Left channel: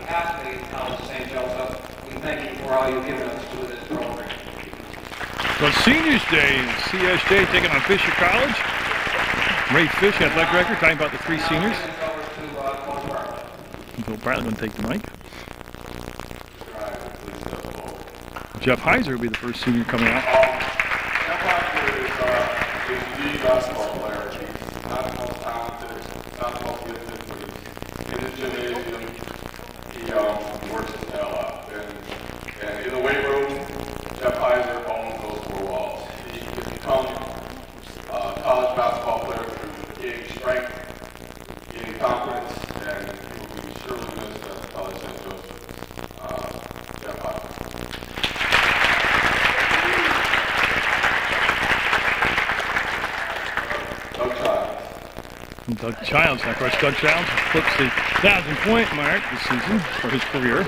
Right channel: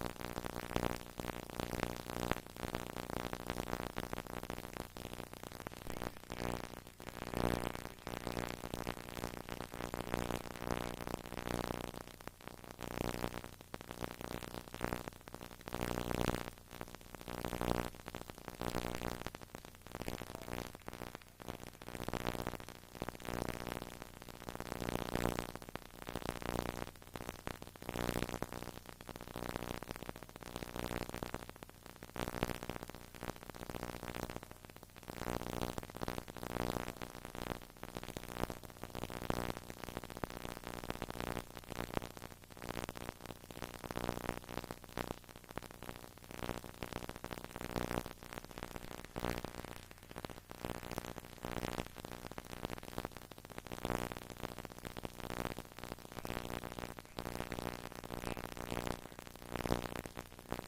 behalf of the College of St. Joseph, we thank you for all you've given us through this program. So Seniors Day, CSJ taking on Fisher College. Ray Fish, athletic director, talking about the three seniors. Bill Bartlett going to take the mic. Jeff Heiser will be the first senior coming out. Jeff Heiser is the basketball player. He's not the most talented, not the most gifted, but he's in the gymnasium. He works his tail off. And in the weight room, Jeff Heiser owns those four walls. He can become a college basketball player through gaining strength, gaining confidence, and he will be surely missed as a college St. Joseph. Jeff Heiser. Doug Childs. Now, of course, Doug Childs flips the 1,000-point mark this season for his career.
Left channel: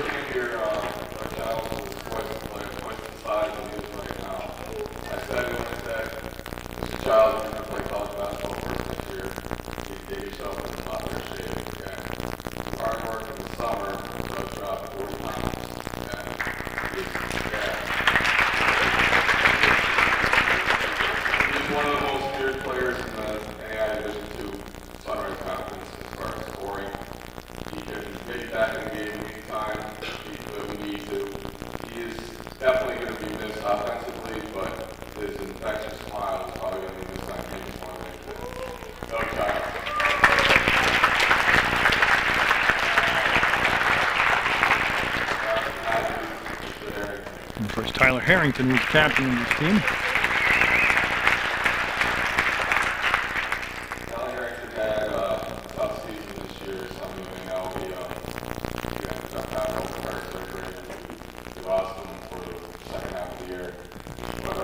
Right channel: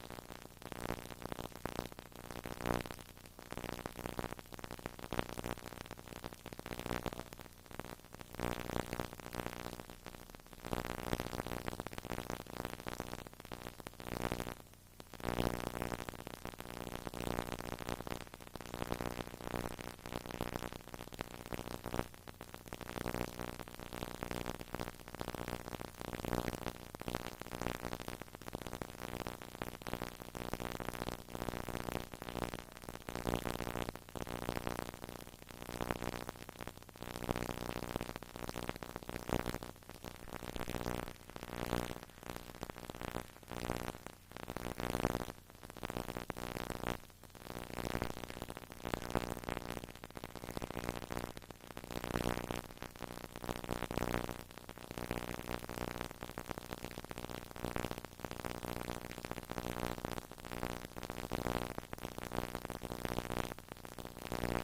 And of course, Tyler Harrington was captain of this team. Tyler Harrington had a tough season this year. Some of you may know he dropped out of open heart surgery. We lost him for the second half of the year. But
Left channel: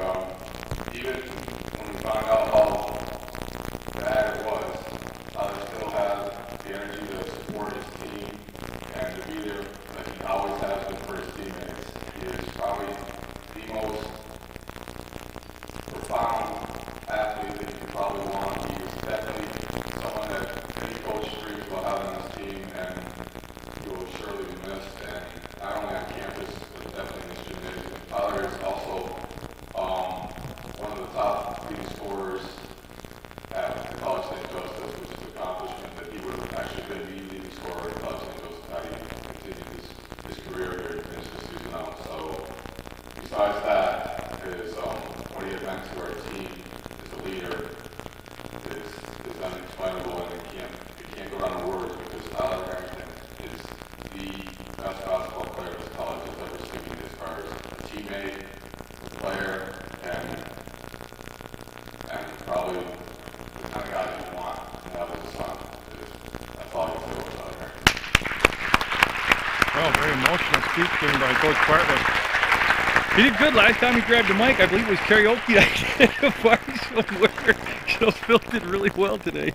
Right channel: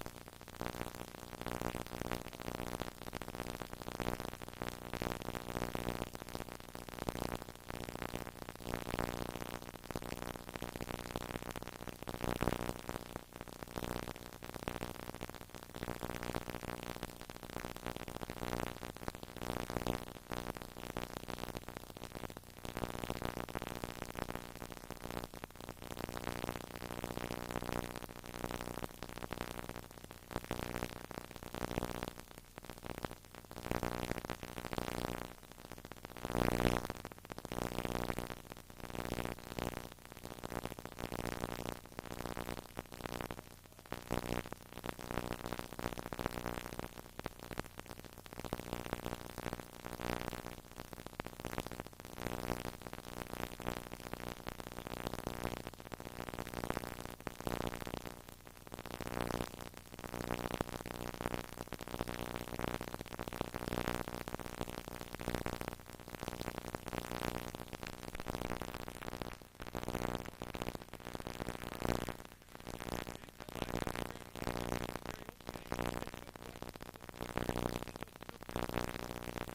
even when we found out how bad it was, Tyler still has the energy to support his team and to be there like he always has been for his teammates. He is probably the most profound athlete that you could probably want. He is definitely someone that any coach dreams about having on his team, and he will surely be missed, and not only on campus, but definitely in this gymnasium. Tyler is also one of the top leading scorers at the College St. Joseph, which is an accomplishment that he would have actually been the leading scorer at College St. Joseph had he continued his career here to finish the season out. So besides that, is what he has meant to our team as a leader is unexplainable, and it can't go down the words, because Tyler Harrington is the best basketball player this college has ever seen as far as a teammate, a player, and probably the kind of guy that you want to have as a son. That's all you feel with Tyler Harrington. Oh, very emotional speech given by Coach Bartlett. He did good last time he grabbed the mic. I believe it was karaoke night at a party somewhere. Phil did really well today.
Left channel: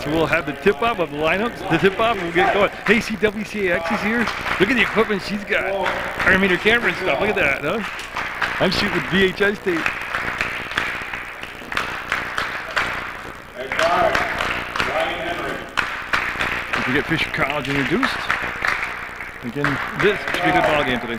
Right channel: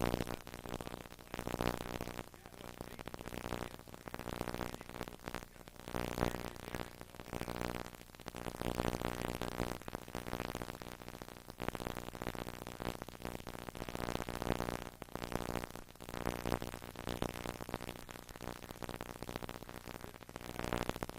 So we'll have the tip-off of the lineups, the tip-off, and we'll get going. Hey, see, WCAX is here. Look at the equipment she's got. I mean, her camera and stuff. Look at that, huh? I'm shooting with VHS tape. If we get Fisher College introduced, again, this should be a good ball game today.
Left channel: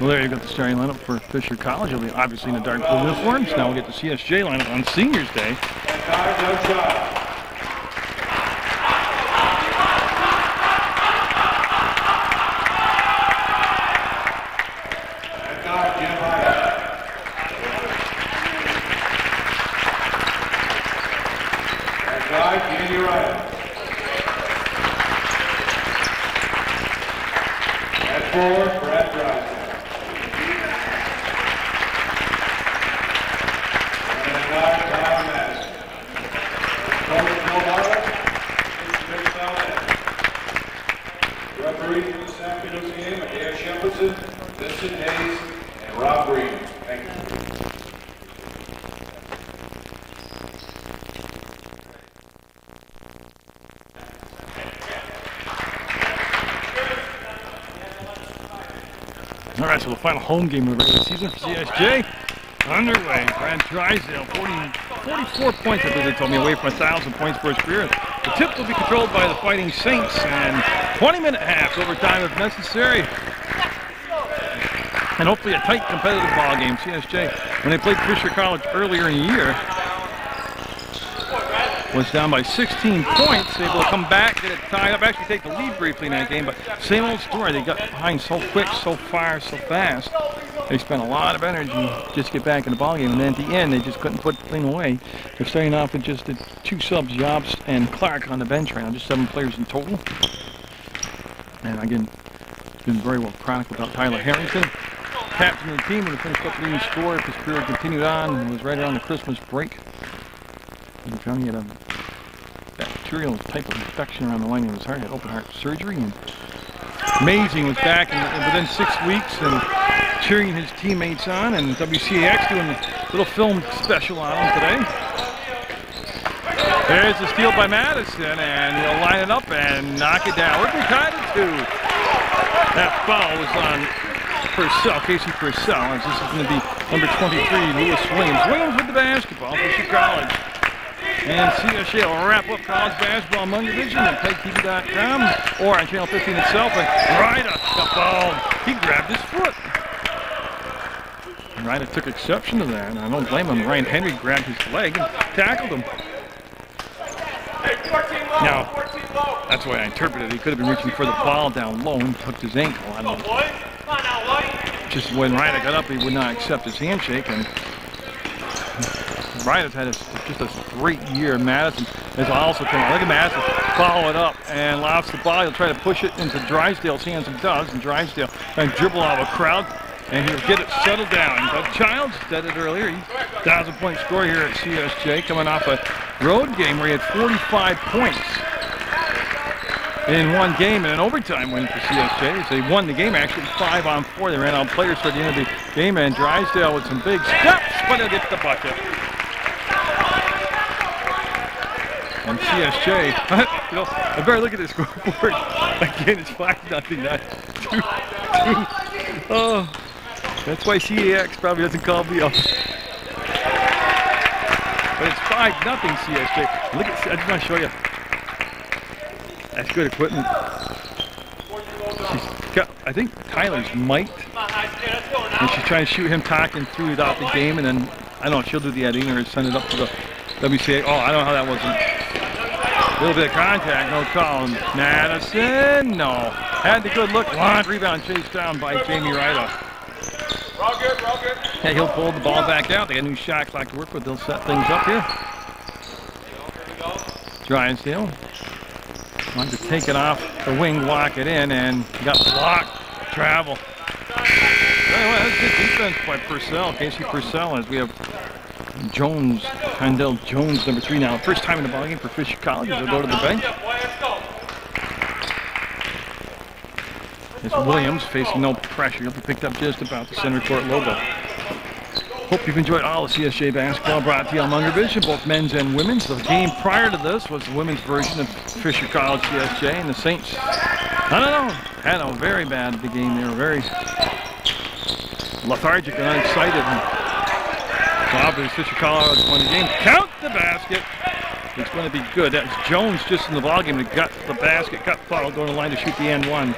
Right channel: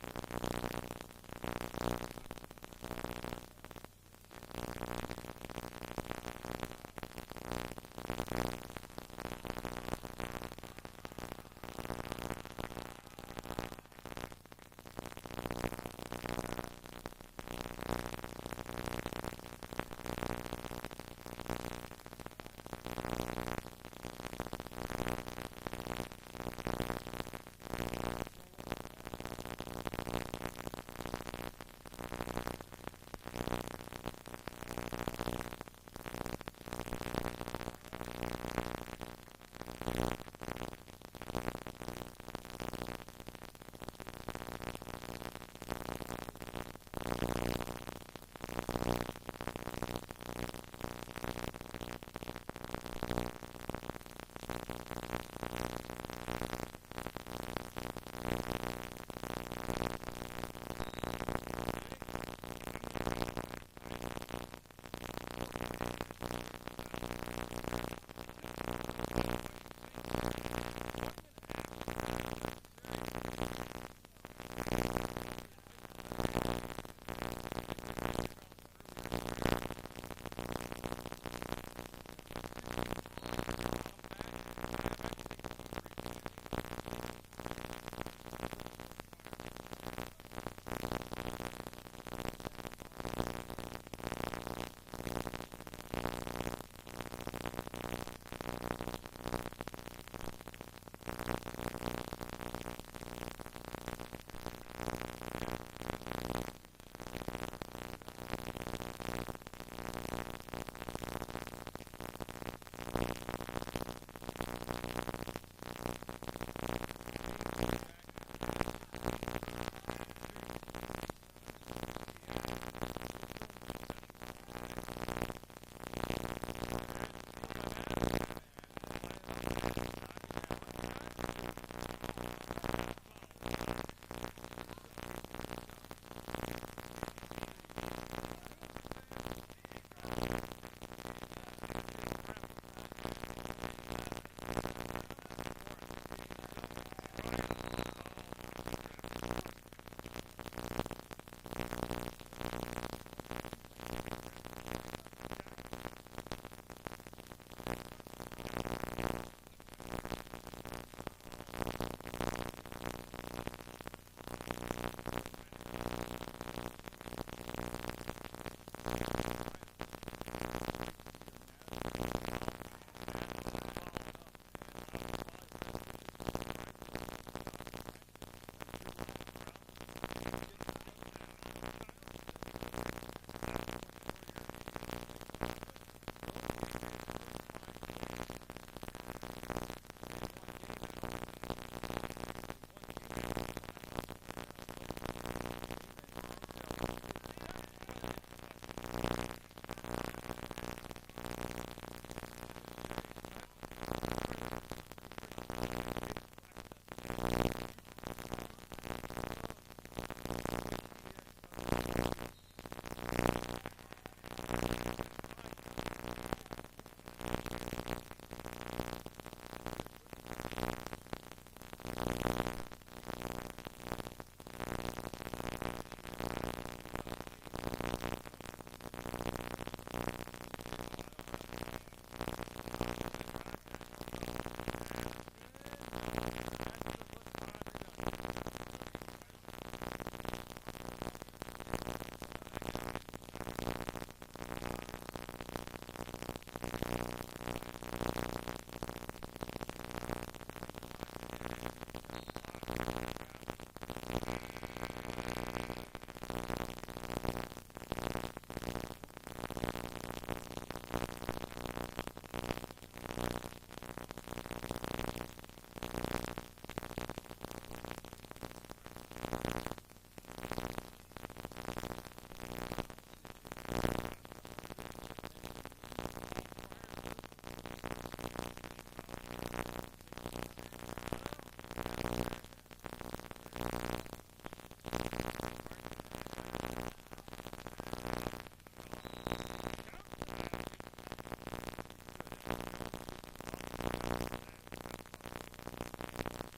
Well, there you got the starting lineup for Fisher College. It'll be obviously in the dark blue uniforms. Now we'll get the CSJ lineup on Seniors Day. All right, so the final home game of the regular season for CSJ underway. Brad Drysdale, 44 points, I believe they told me, away from 1,000 points for his career. The tip will be controlled by the Fighting Saints, and 20-minute halves overtime if necessary. And hopefully a tight competitive ball game. CSJ, when they played Fisher College earlier in the year, was down by 16 points, able to come back, get it tied up, actually take the lead briefly in that game, but same old story. They got behind so quick, so far, so fast. They spent a lot of energy just to get back in the ballgame, and then at the end, they just couldn't put the thing away. They're starting off with just the 2 subs, Jobst and Clark, on the bench right now, just 7 players in total. And again, been very well chronicled about Tyler Harrington. Captain of the team would have finished up leading scorer if his career continued on, and was right around the Christmas break. He found he had a bacterial type of infection around the lining of his heart. He had open heart surgery, and amazing, was back within 6 weeks and cheering his teammates on, and WCAX doing a little film special on him today. There's the steal by Madison, and he'll line it up and knock it down. We're tied at 2. That foul was on Purcell, Casey Purcell, as this is going to be number 23, Lewis Williams. Williams with the basketball for Fisher College. And CSJ will wrap up college basketball on Munger Vision at PEGTV.com or on Channel 15 itself. And Ryder got ball. He grabbed his foot. And Ryder took exception to that, and I don't blame him. Ryan Henry grabbed his leg and tackled him. Now, that's the way I interpret it. He could have been reaching for the ball down low and tucked his ankle. I don't know. Just when Ryder got up, he would not accept his handshake, and Ryder's had just a great year. Madison has also come on. Look at Madison follow it up and lost the ball. He'll try to push it into Drysdale's hands, and does. And Drysdale trying to dribble out of a crowd, and he'll get it settled down. But Childs said it earlier. He's 1,000-point scorer here at CSJ, coming off a road game where he had 45 points in one game and an overtime win for CSJ. So they won the game actually 5-on-4. They ran out players for the end of the game, and Drysdale with some big steps, but he'll get the bucket. And CSJ, you know, I better look at this scoreboard. Again, it's 5-0, not 2-2. Oh, that's why CAX probably doesn't call me up. But it's 5-0 CSJ. Look at, I just want to show you. That's good equipment. She's got, I think Tyler's mic'd, and she's trying to shoot him talking throughout the game, and then, I don't know, she'll do the editing or send it up to the WCA. Oh, I don't know how that wasn't. A little bit of contact, no call. Madison, no. Had the good look. Long rebound chased down by Jamie Ryder. Yeah, he'll pull the ball back out. They got a new shot clock to work with. They'll set things up here. Drysdale wanted to take it off the wing, lock it in, and got blocked. Travel. Anyway, that's good defense by Purcell, Casey Purcell, as we have Jones, Condell Jones, number 3 now. First time in the ballgame for Fisher College. They'll go to the bench. It's Williams facing no pressure. He'll be picked up just about the center court logo. Hope you've enjoyed all of CSJ basketball brought to you on Munger Vision, both men's and women's. The game prior to this was the women's version of Fisher College CSJ, and the Saints, I don't know, had a very bad game. They were very lethargic and unexcited. So obviously Fisher College won the game. Count the basket. It's going to be good. That's Jones just in the ballgame that got the basket, got fouled, going to the line to shoot the and one.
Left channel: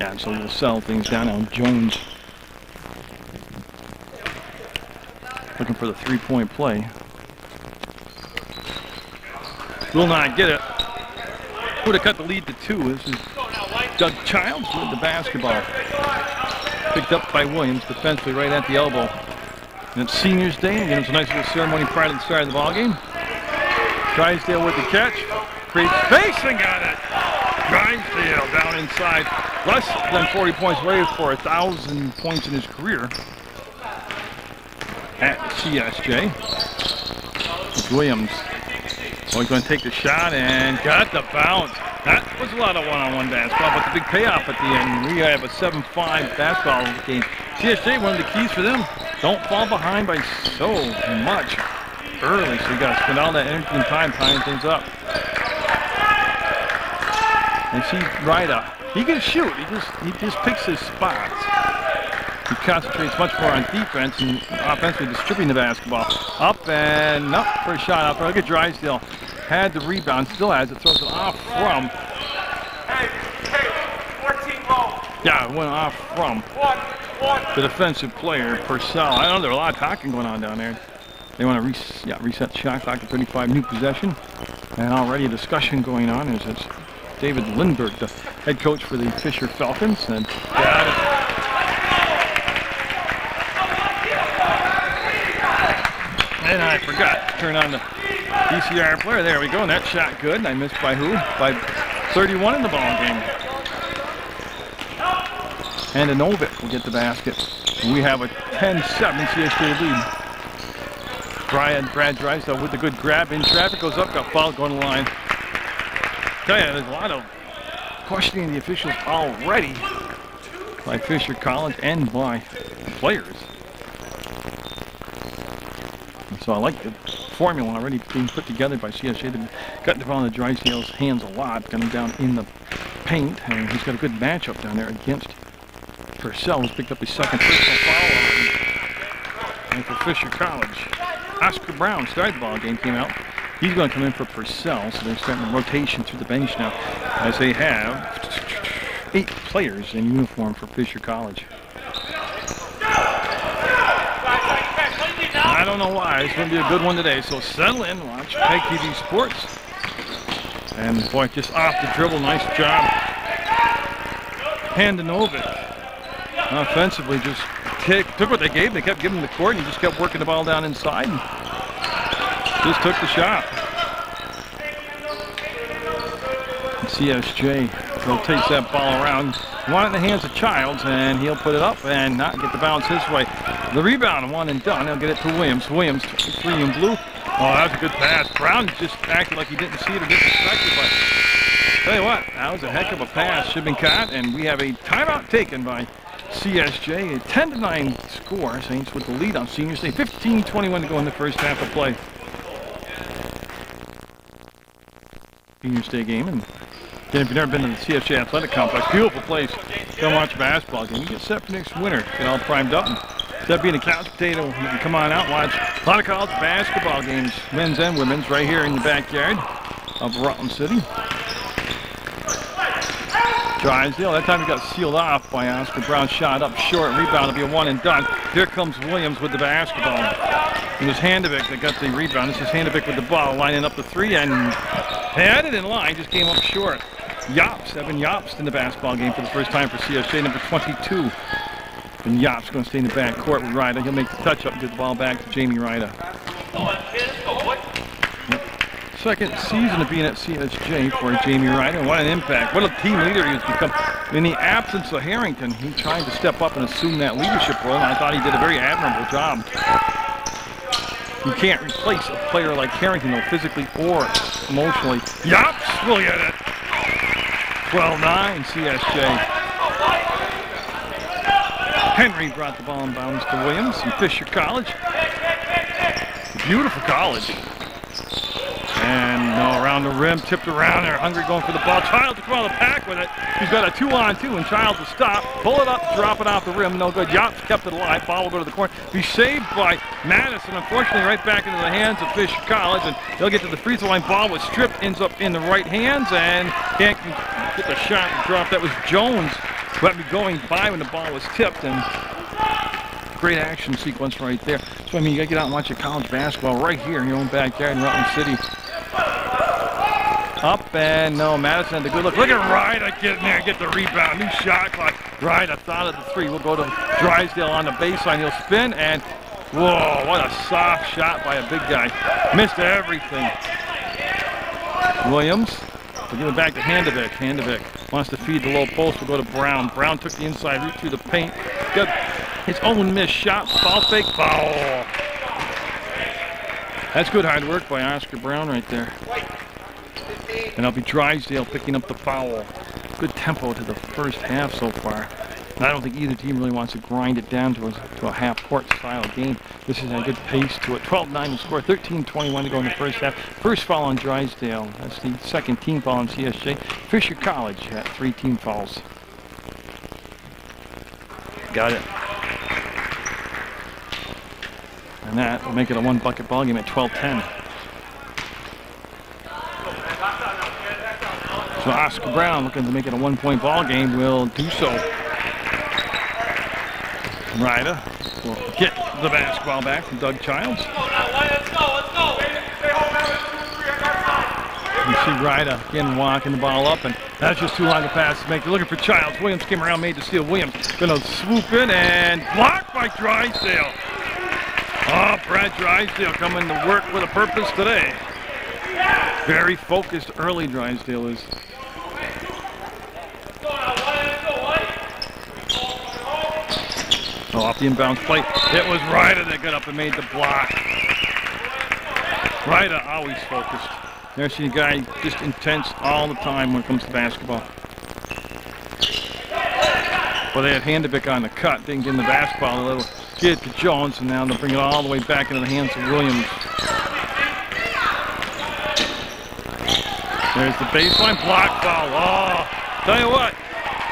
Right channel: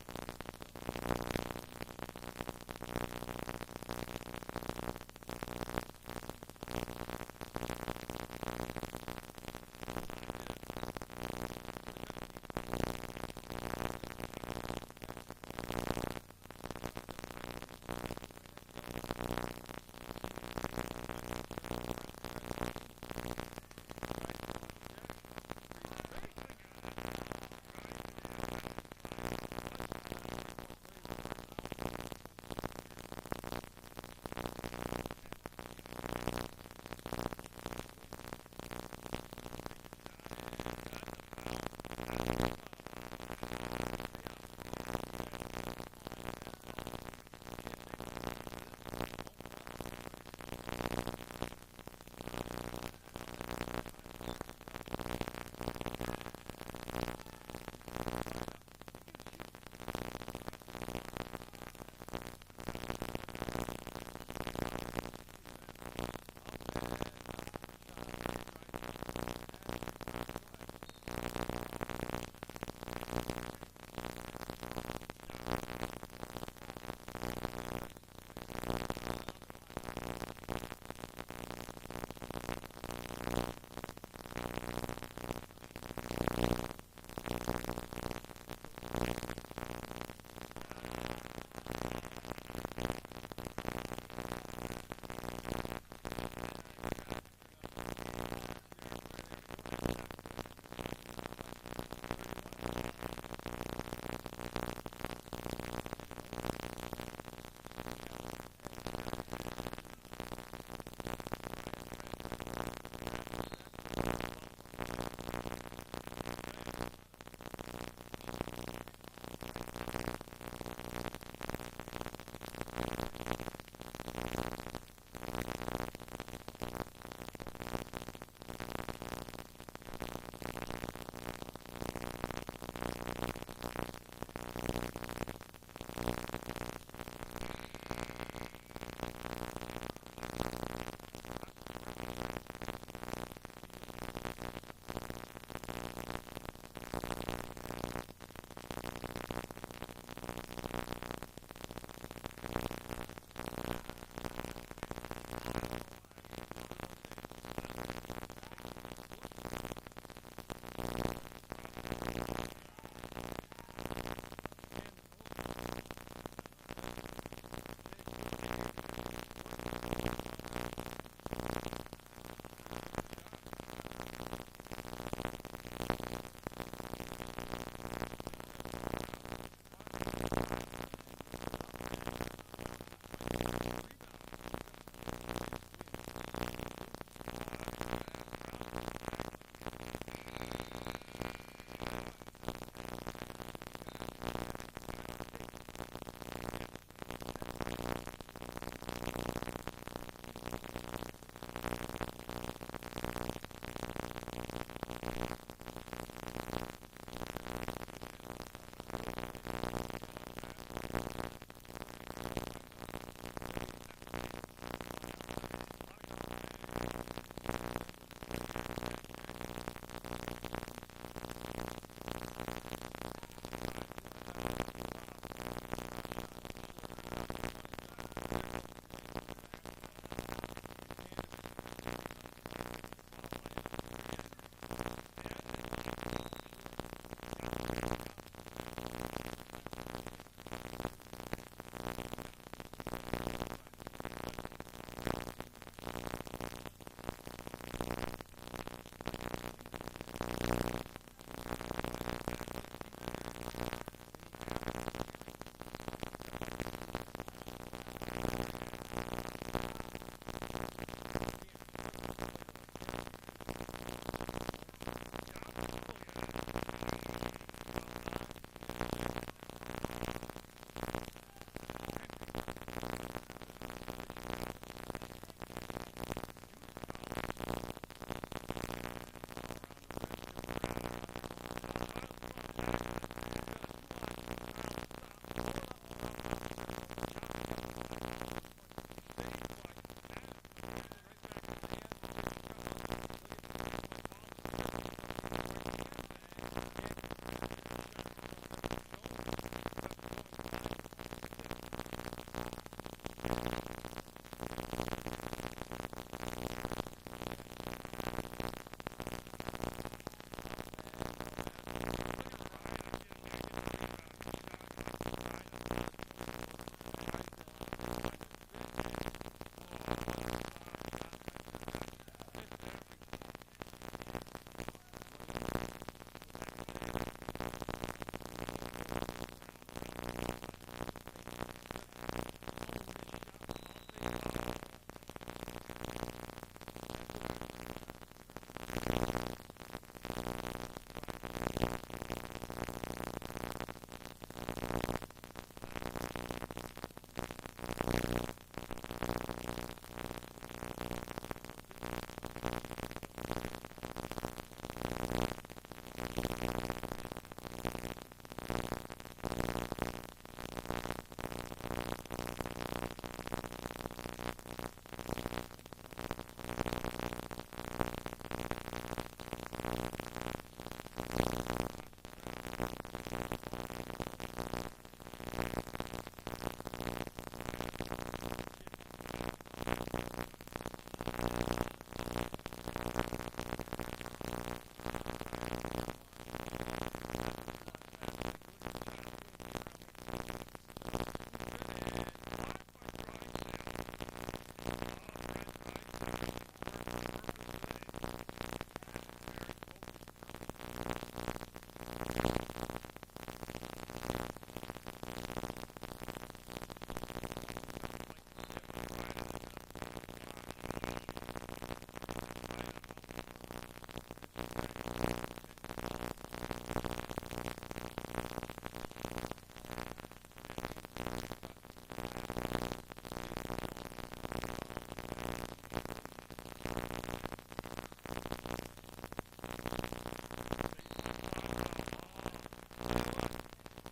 Yeah, so we'll settle things down now. Jones looking for the three-point play. Will not get it. Would have cut the lead to 2. This is Doug Childs with the basketball. Picked up by Williams defensively right at the elbow. And it's Seniors Day. Again, it's a nice little ceremony prior to the start of the ballgame. Drysdale with the catch. Creates space and got it. Drysdale down inside. Less than 40 points away for 1,000 points in his career at CSJ. It's Williams. Oh, he's going to take the shot and got the bounce. That was a lot of one-on-one basketball, but the big payoff at the end. We have a 7-5 basketball game. CSJ, one of the keys for them, don't fall behind by so much early. So you got to spend all that energy and time tying things up. And see Ryda. He can shoot. He just picks his spots. He concentrates much more on defense and offensively distributing the basketball. Up and up for a shot out there. Look at Drysdale. Had the rebound, still has it, throws it off from. Hey, 14 low. Yeah, it went off from the defensive player, Purcell. I don't know, there's a lot of talking going on down there. They want to reset the shot clock to 35, new possession. And already a discussion going on as it's David Lindbergh, the head coach for the Fisher Falcons. And got it. And I forgot to turn on the VCR player. There we go. And that shot good. And I missed by who? By 31 in the ball game. And Novik will get the basket. We have a 10-7 CSJ lead. Brad Drysdale with the good grab in traffic. Goes up, got fouled, going to the line. Tell you, there's a lot of questioning the officials already by Fisher College and by the players. So I like the formula already being put together by CSJ. They've got the ball in the Drysdale's hands a lot, got him down in the paint, and he's got a good matchup down there against Purcell, who's picked up his second personal foul. And for Fisher College, Oscar Brown started the ball game, came out. He's going to come in for Purcell, so they're starting a rotation through the bench now, as they have 8 players in uniform for Fisher College. I don't know why. It's going to be a good one today. So settle in, watch PEGTV Sports. And boy, just off the dribble, nice job. Handanovic. Offensively, just took what they gave. They kept giving him the court, and he just kept working the ball down inside. And just took the shot. And CSJ rotates that ball around. Want it in the hands of Childs, and he'll put it up and not get the bounce his way. The rebound, one and done. He'll get it to Williams. Williams, 3 in blue. Oh, that was a good pass. Brown just acted like he didn't see it or didn't expect it, but tell you what, that was a heck of a pass. Should have been caught, and we have a timeout taken by CSJ. A 10-9 score. Saints with the lead on Senior Day. 15-21 to go in the first half of play. Senior Day game, and again, if you've never been to the CSJ Athletic Complex, beautiful place. Come watch a basketball game. You get set for next winter. Get all primed up. And instead of being a couch potato, you can come on out and watch a lot of college basketball games, men's and women's, right here in the backyard of Rutland City. Drysdale, that time he got sealed off by Oscar Brown. Shot up short. Rebound will be a one and done. Here comes Williams with the basketball. It was Handanovic that got the rebound. This is Handanovic with the ball, lining up the 3 and had it in line, just came up short. Yops, Evan Yops in the basketball game for the first time for CSJ, number 22. And Yops going to stay in the back court with Ryda. He'll make the touch up and get the ball back to Jamie Ryda. Second season of being at CSJ for Jamie Ryda. What an impact. What a team leader he has become. In the absence of Harrington, he tried to step up and assume that leadership role, and I thought he did a very admirable job. You can't replace a player like Harrington, though, physically or emotionally. Yops will get it. 12-9 CSJ. Henry brought the ball in bounds to Williams from Fisher College. Beautiful college. And no, around the rim, tipped around there. Hungry going for the ball. Childs to come out of the pack with it. He's got a 2-on-2, and Childs will stop, pull it up, drop it off the rim. No good. Yops kept it alive. Ball will go to the corner. Be saved by Madison. Unfortunately, right back into the hands of Fisher College, and they'll get to the free throw line. Ball was stripped, ends up in the right hands, and can't get the shot and drop. That was Jones who had me going by when the ball was tipped, and great action sequence right there. So I mean, you gotta get out and watch your college basketball right here in your own backyard in Rutland City. Up and no, Madison had the good look. Look at Ryda get in there and get the rebound. New shot clock. Ryda thought of the 3. We'll go to Drysdale on the baseline. He'll spin and whoa, what a soft shot by a big guy. Missed everything. Williams. We'll give it back to Handanovic. Handanovic wants to feed the low post. We'll go to Brown. Brown took the inside route through the paint. Got his own missed shot. Foul fake. Foul. That's good hard work by Oscar Brown right there. And that'll be Drysdale picking up the foul. Good tempo to the first half so far. And I don't think either team really wants to grind it down to a half-court style game. This is a good pace to it. 12-9 to score, 13-21 to go in the first half. First foul on Drysdale. That's the second team foul on CSJ. Fisher College had 3 team fouls. Got it. And that will make it a 1-bucket ball game at 12-10. So Oscar Brown, looking to make it a 1-point ball game, will do so. Ryder will get the basketball back from Doug Childs. You see Ryder again walking the ball up, and that's just too long a pass to make. They're looking for Childs. Williams came around, made the steal. Williams gonna swoop in and blocked by Drysdale. Oh, Brad Drysdale coming to work with a purpose today. Very focused early, Drysdale is. So off the inbounds play, it was Ryder that got up and made the block. Ryder always focused. There's a guy just intense all the time when it comes to basketball. Well, they had Handevick on the cut, didn't get in the basketball. A little get to Jones, and now they'll bring it all the way back into the hands of Williams. There's the baseline block foul. Oh, tell you what,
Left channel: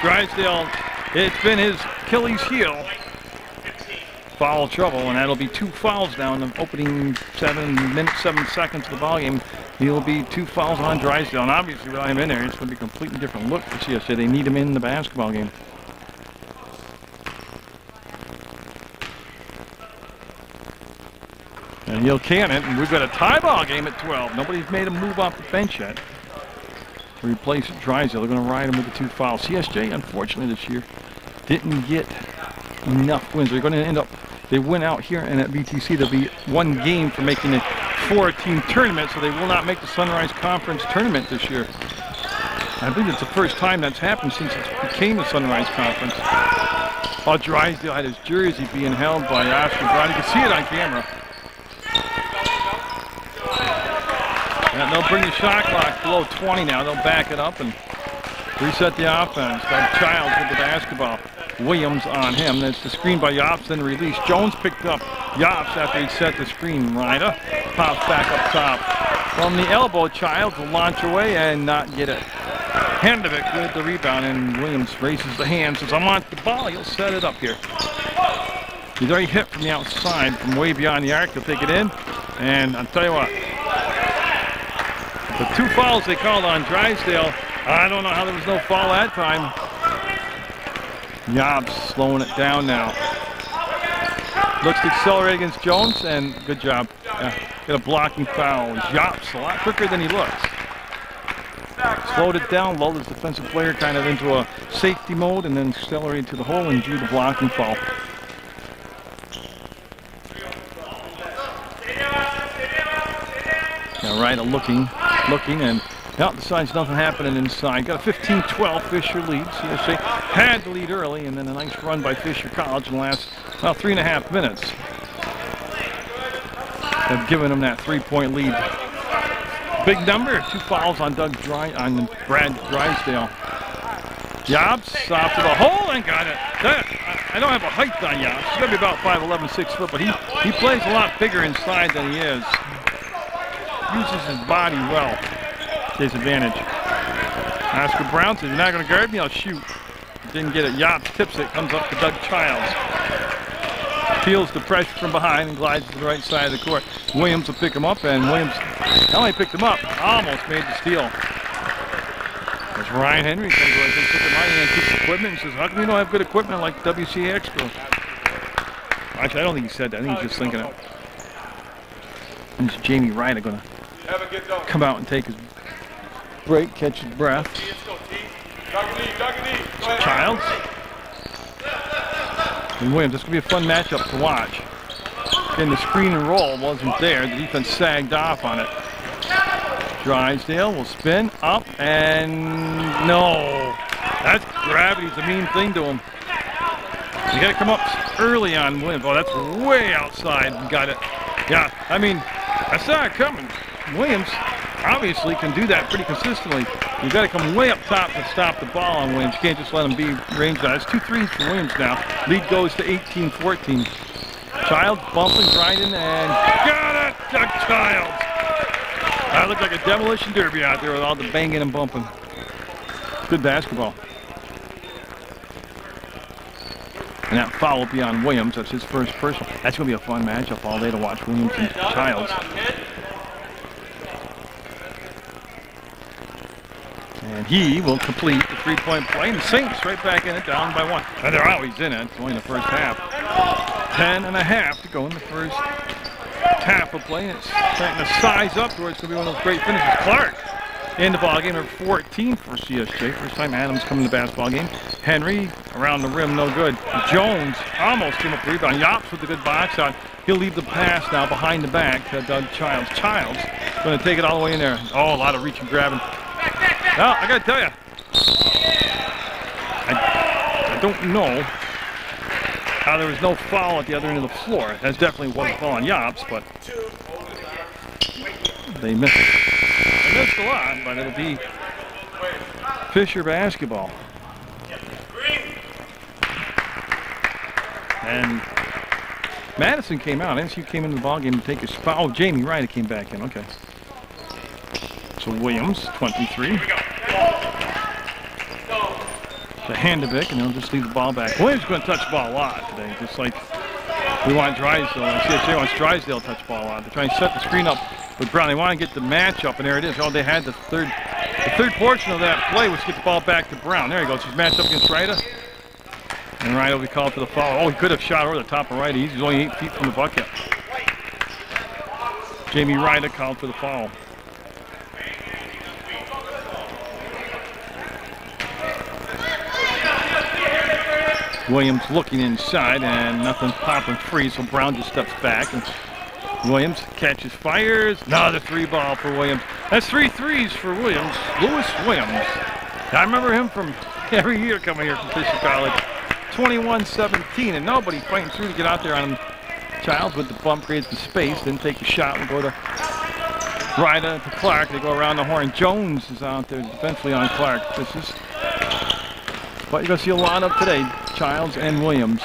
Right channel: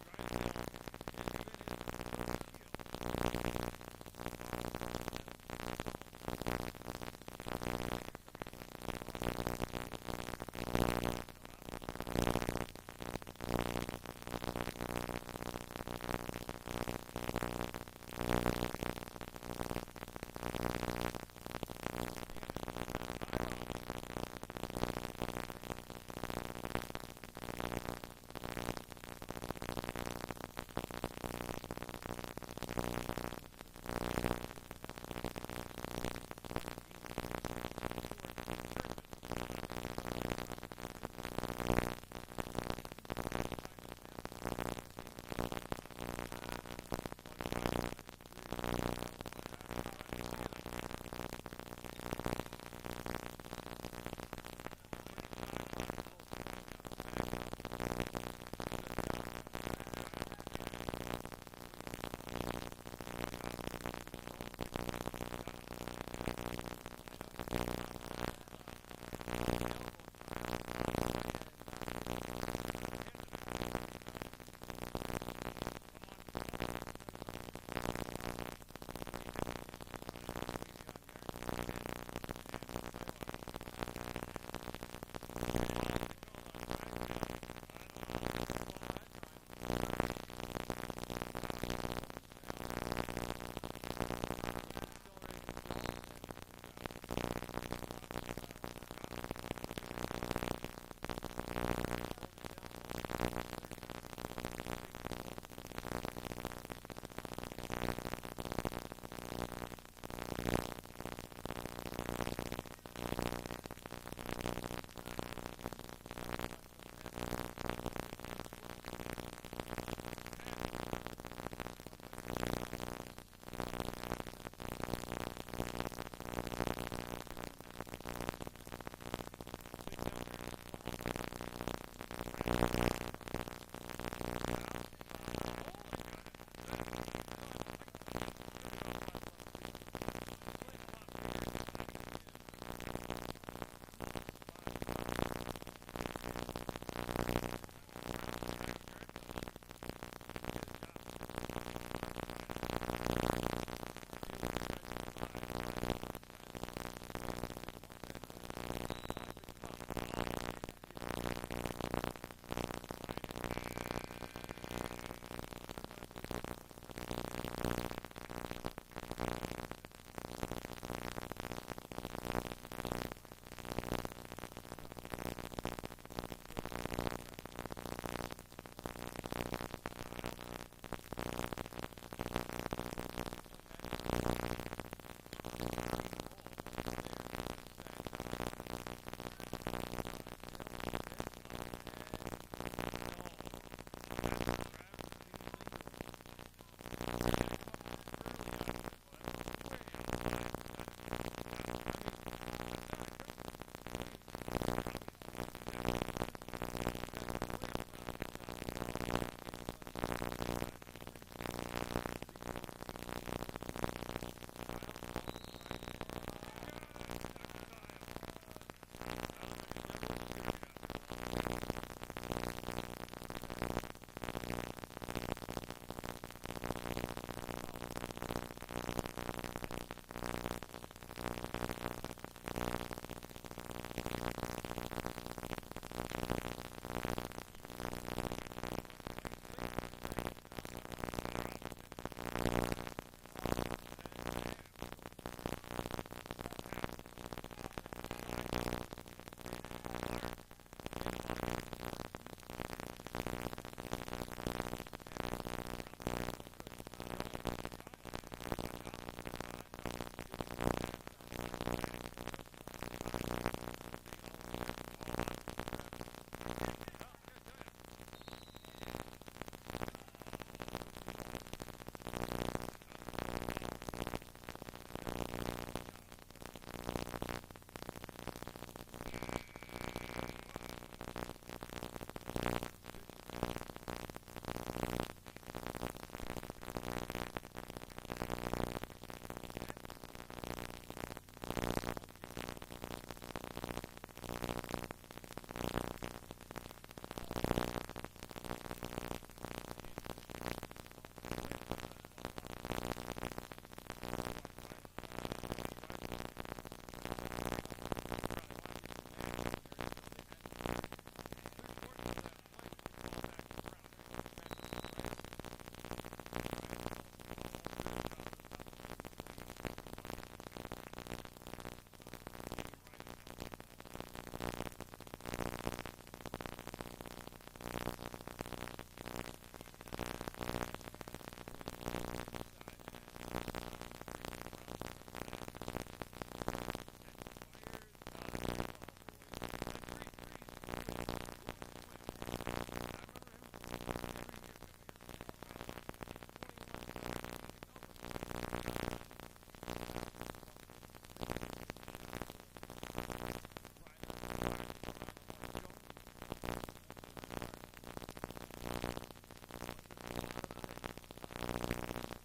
Drysdale, it's been his Achilles heel. Foul trouble, and that'll be 2 fouls now in the opening 7 minutes, 7 seconds of the ball game. He'll be 2 fouls on Drysdale, and obviously without him in there, it's going to be a completely different look for CSJ. They need him in the basketball game. And he'll can it, and we've got a tie ball game at 12. Nobody's made a move off the bench yet to replace Drysdale. They're going to ride him with the 2 fouls. CSJ, unfortunately, this year didn't get enough wins. They're going to end up, they win out here, and at VTC there'll be 1 game for making a 4-team tournament, so they will not make the Sunrise Conference tournament this year. I believe it's the first time that's happened since it became the Sunrise Conference. Oh, Drysdale had his jersey being held by Oscar Brown. You can see it on camera. And they'll bring the shot clock below 20 now. They'll back it up and reset the offense. Doug Childs with the basketball. Williams on him. That's the screen by Yops, then release. Jones picked up Yops after he set the screen. Ryder pops back up top. From the elbow, Childs will launch away and not get it. Handevick with the rebound, and Williams raises the hand, says, I want the ball. He'll set it up here. He's already hit from the outside, from way beyond the arc. He'll take it in, and I'll tell you what, the 2 fouls they called on Drysdale, I don't know how there was no foul that time. Yobbs slowing it down now. Looks to accelerate against Jones, and good job. Get a blocking foul. Yobbs a lot quicker than he looks. Slowed it down, lulled his defensive player kind of into a safety mode, and then accelerated to the hole and drew the blocking foul. Now Ryder looking, and now decides nothing happening inside. Got a 15-12 Fisher lead. CSJ had the lead early, and then a nice run by Fisher College in the last, well, 3.5 minutes. Have given them that 3-point lead. Big number, 2 fouls on Brad Drysdale. Yobbs off to the hole and got it. I don't have a height on Yobbs. He's going to be about 5'11", 6 foot, but he plays a lot bigger inside than he is. Uses his body well to his advantage. Oscar Brown says, you're not going to guard me, I'll shoot. Didn't get it. Yobbs tips it, comes up to Doug Childs. Feels the pressure from behind and glides to the right side of the court. Williams will pick him up, and Williams not only picked him up, almost made the steal. As Ryan Henry comes over, says, look at my hand, keeps equipment, and says, how come you don't have good equipment like WCA Expo? Actually, I don't think he said that. I think he's just thinking it. And it's Jamie Ryder going to come out and take his break, catch his breath. Childs. And Williams, this could be a fun matchup to watch. Again, the screen and roll wasn't there. The defense sagged off on it. Drysdale will spin up, and no. That's gravity's a mean thing to him. You got to come up early on Williams. Oh, that's way outside. Got it. Yeah, I mean, I saw it coming. Williams obviously can do that pretty consistently. You got to come way up top to stop the ball on Williams. You can't just let him be ranged out. It's 2 threes for Williams now. Lead goes to 18-14. Childs bumping, grinding, and got it to Childs. That looked like a demolition derby out there with all the banging and bumping. Good basketball. And that foul will be on Williams. That's his first personal. That's going to be a fun matchup all day to watch, Williams and Childs. And he will complete the three-point play. And the Saints right back in it, down by 1. And they're always in it. It's only the first half. 10.5 to go in the first half of play. And it's starting to size up to where it's going to be one of those great finishes. Clark in the ball game, number 14 for CSJ. First time Adams coming to the basketball game. Henry around the rim, no good. Jones almost came up with the rebound. Yops with a good box out. He'll leave the pass now behind the back to Doug Childs. Childs going to take it all the way in there. Oh, a lot of reaching, grabbing. Well, I got to tell you, I don't know how there was no foul at the other end of the floor. That definitely was a foul on Yops, but they missed it. They missed a lot, but it'll be Fisher basketball. And Madison came out. NSU came into the ballgame to take his foul. Oh, Jamie Ryder came back in. Okay. So Williams, 23. To Handevik, and he'll just leave the ball back. Williams is going to touch the ball a lot today, just like we want Drysdale. And CSJ wants Drysdale to touch the ball a lot. They're trying to set the screen up with Brown. They want to get the matchup, and there it is. Oh, they had the third portion of that play was to get the ball back to Brown. There he goes. He's matched up against Ryder. And Ryder will be called for the foul. Oh, he could have shot over the top of Ryder. He's only 8 feet from the bucket. Jamie Ryder called for the foul. Williams looking inside, and nothing popping free, so Brown just steps back. And Williams catches, fires. Another 3-ball for Williams. That's 3 threes for Williams. Lewis Williams. I remember him from every year coming here from Fisher College. 21-17, and nobody fighting through to get out there on him. Childs with the bump creates the space, then take a shot and go to Ryder to Clark. They go around the horn. Jones is out there defensively on Clark. This is what you're going to see a lot of today, Childs and Williams.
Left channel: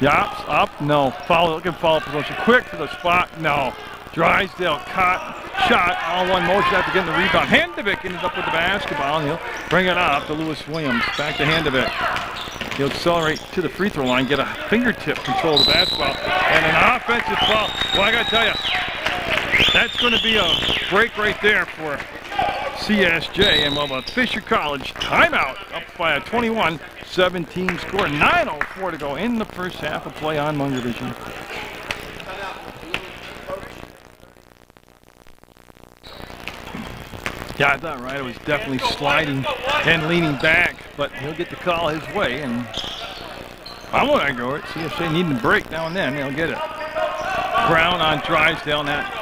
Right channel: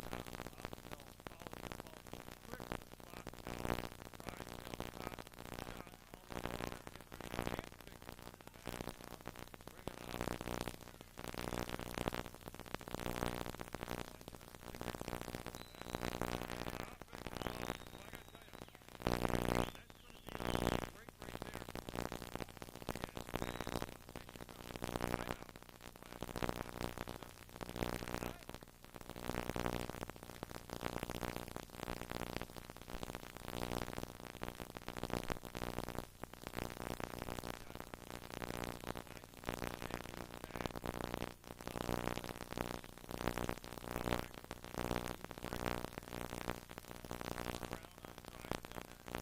Yops, up, no. Follow, looking follow position. Quick to the spot, no. Drysdale caught, shot, all one motion after getting the rebound. Handevik ends up with the basketball, and he'll bring it up to Lewis Williams. Back to Handevik. He'll accelerate to the free throw line, get a fingertip control of the basketball, and an offensive foul. Well, I got to tell you, that's going to be a break right there for CSJ, and well, Fisher College timeout up by a 21-17 score. 9:04 to go in the first half of play on Munger Vision. Yeah, I thought Ryder was definitely sliding and leaning back, but he'll get the call his way, and I won't argue it. CSJ needing a break now and then, they'll get it. Brown on Drysdale, and that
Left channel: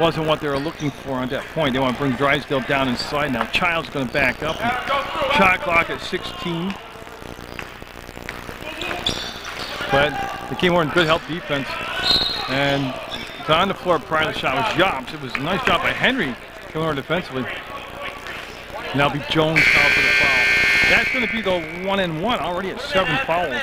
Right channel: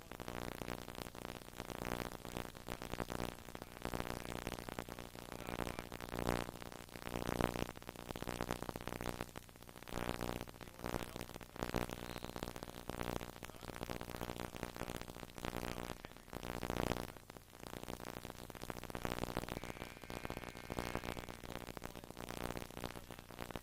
wasn't what they were looking for at that point. They want to bring Drysdale down inside now. Child's going to back up. Shot clock at 16. But they came over in good help defense. And on the floor prior to the shot was Yops. It was a nice job by Henry coming over defensively. Now be Jones called for the foul. That's going to be the 1-and-1 already at 7 fouls.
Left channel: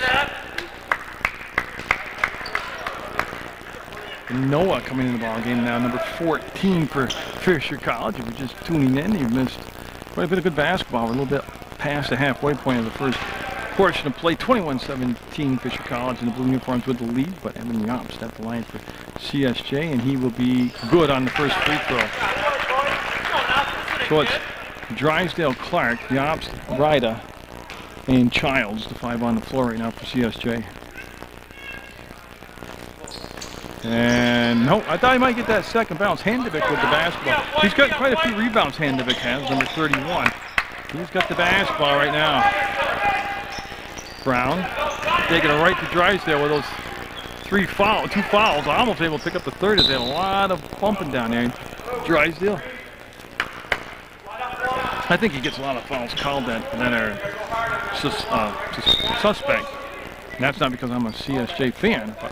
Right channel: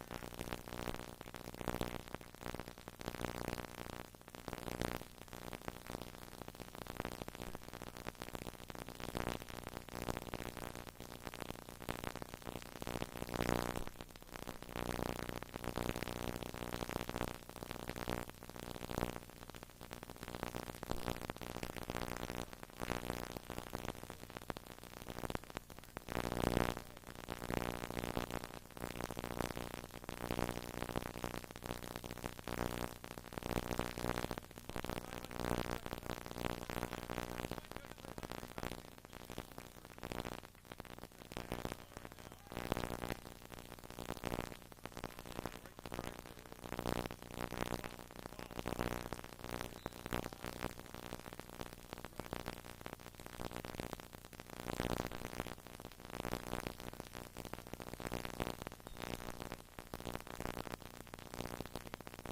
Noah coming in the ball game now, number 14 for Fisher College. If you're just tuning in, you've missed quite a bit of good basketball. We're a little bit past the halfway point of the first portion of play. 21-17 Fisher College in the blue uniforms with the lead, but Evan Yops at the line for CSJ, and he will be good on the first free throw. So it's Drysdale, Clark, Yops, Ryder, and Childs, the 5 on the floor right now for CSJ. And no, I thought he might get that second bounce. Handevik with the basketball. He's got quite a few rebounds, Handevik has, number 31. He's got the basketball right now. Brown taking it right to Drysdale with those 2 fouls. Almost able to pick up the third as they had a lot of bumping down there. Drysdale. I think he gets a lot of fouls called that are suspect. And that's not because I'm a CSJ fan, but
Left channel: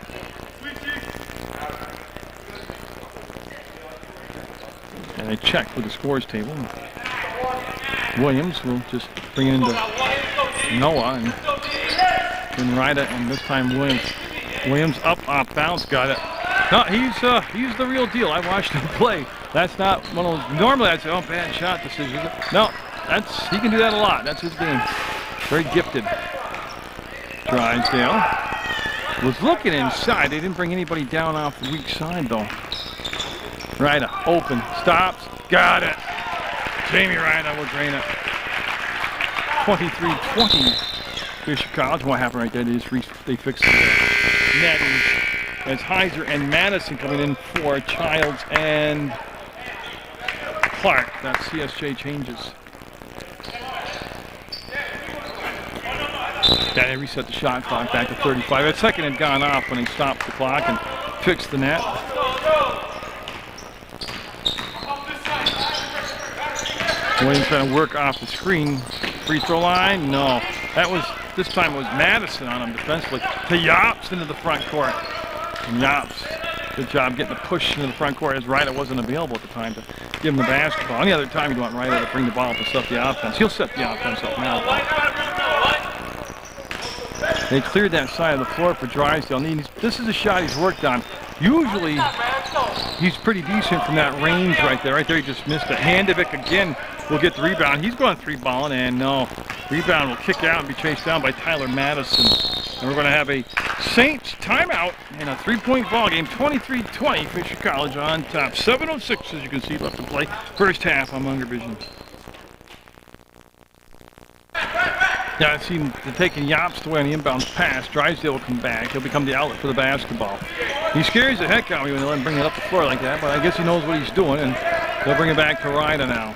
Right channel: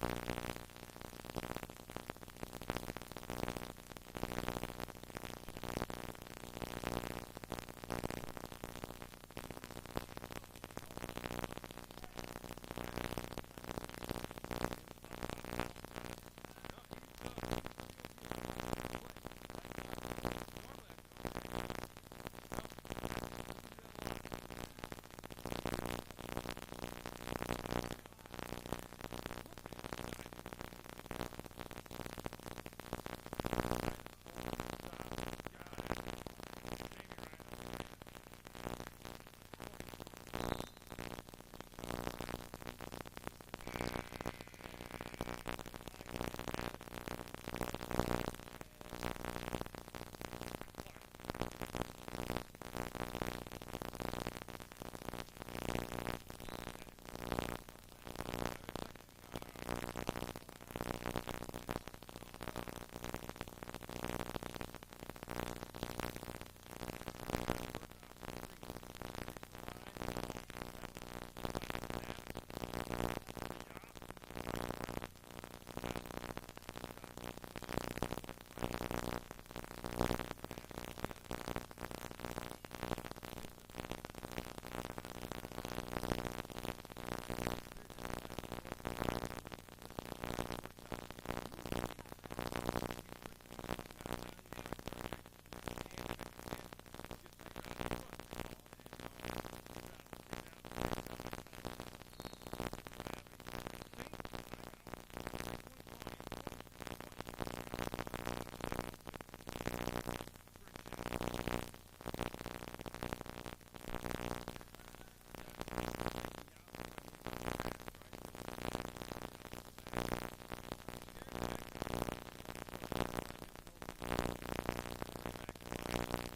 And they check with the scores table. Williams will just bring it into Noah and then Ryda, and this time Williams up off bounce, got it. No, he's the real deal. I watched him play. That's not one of those. Normally I'd say, oh, bad shot decision. No, he can do that a lot. That's his game. Very gifted. Drysdale was looking inside. They didn't bring anybody down off the weak side though. Ryda open, stops, got it. Jamie Ryda will drain it. 23-20. Fisher College. What happened right there? They fixed the netting as Heiser and Madison coming in for Childs and Clark. That CSJ changes. Yeah, they reset the shot clock back to 35. That second had gone off when they stopped the clock and fixed the net. Williams trying to work off the screen. Free throw line? No. This time it was Madison on him defensively. To Yops into the front court. And Yops, good job getting the push into the front court as Ryda wasn't available at the time to give him the basketball. Any other time you want Ryda to bring the ball up and set the offense. He'll set the offense up now. They cleared that side of the floor for Drysdale. This is a shot he's worked on. Usually he's pretty decent from that range right there. Right there he just missed it. Handovic again will get the rebound. He's going three-balling, and no. Rebound will kick out and be chased down by Tyler Madison. And we're going to have a Saints timeout in a three-point ball game. 23-20, Fisher College on top. 7:06, as you can see, left to play. First half on Munger Vision. Yeah, I see him taking Yops away on the inbounds pass. Drysdale will come back. He'll become the outlet for the basketball. He scares the heck out of me when they let him bring it up the floor like that, but I guess he knows what he's doing, and they'll bring it back to Ryda now.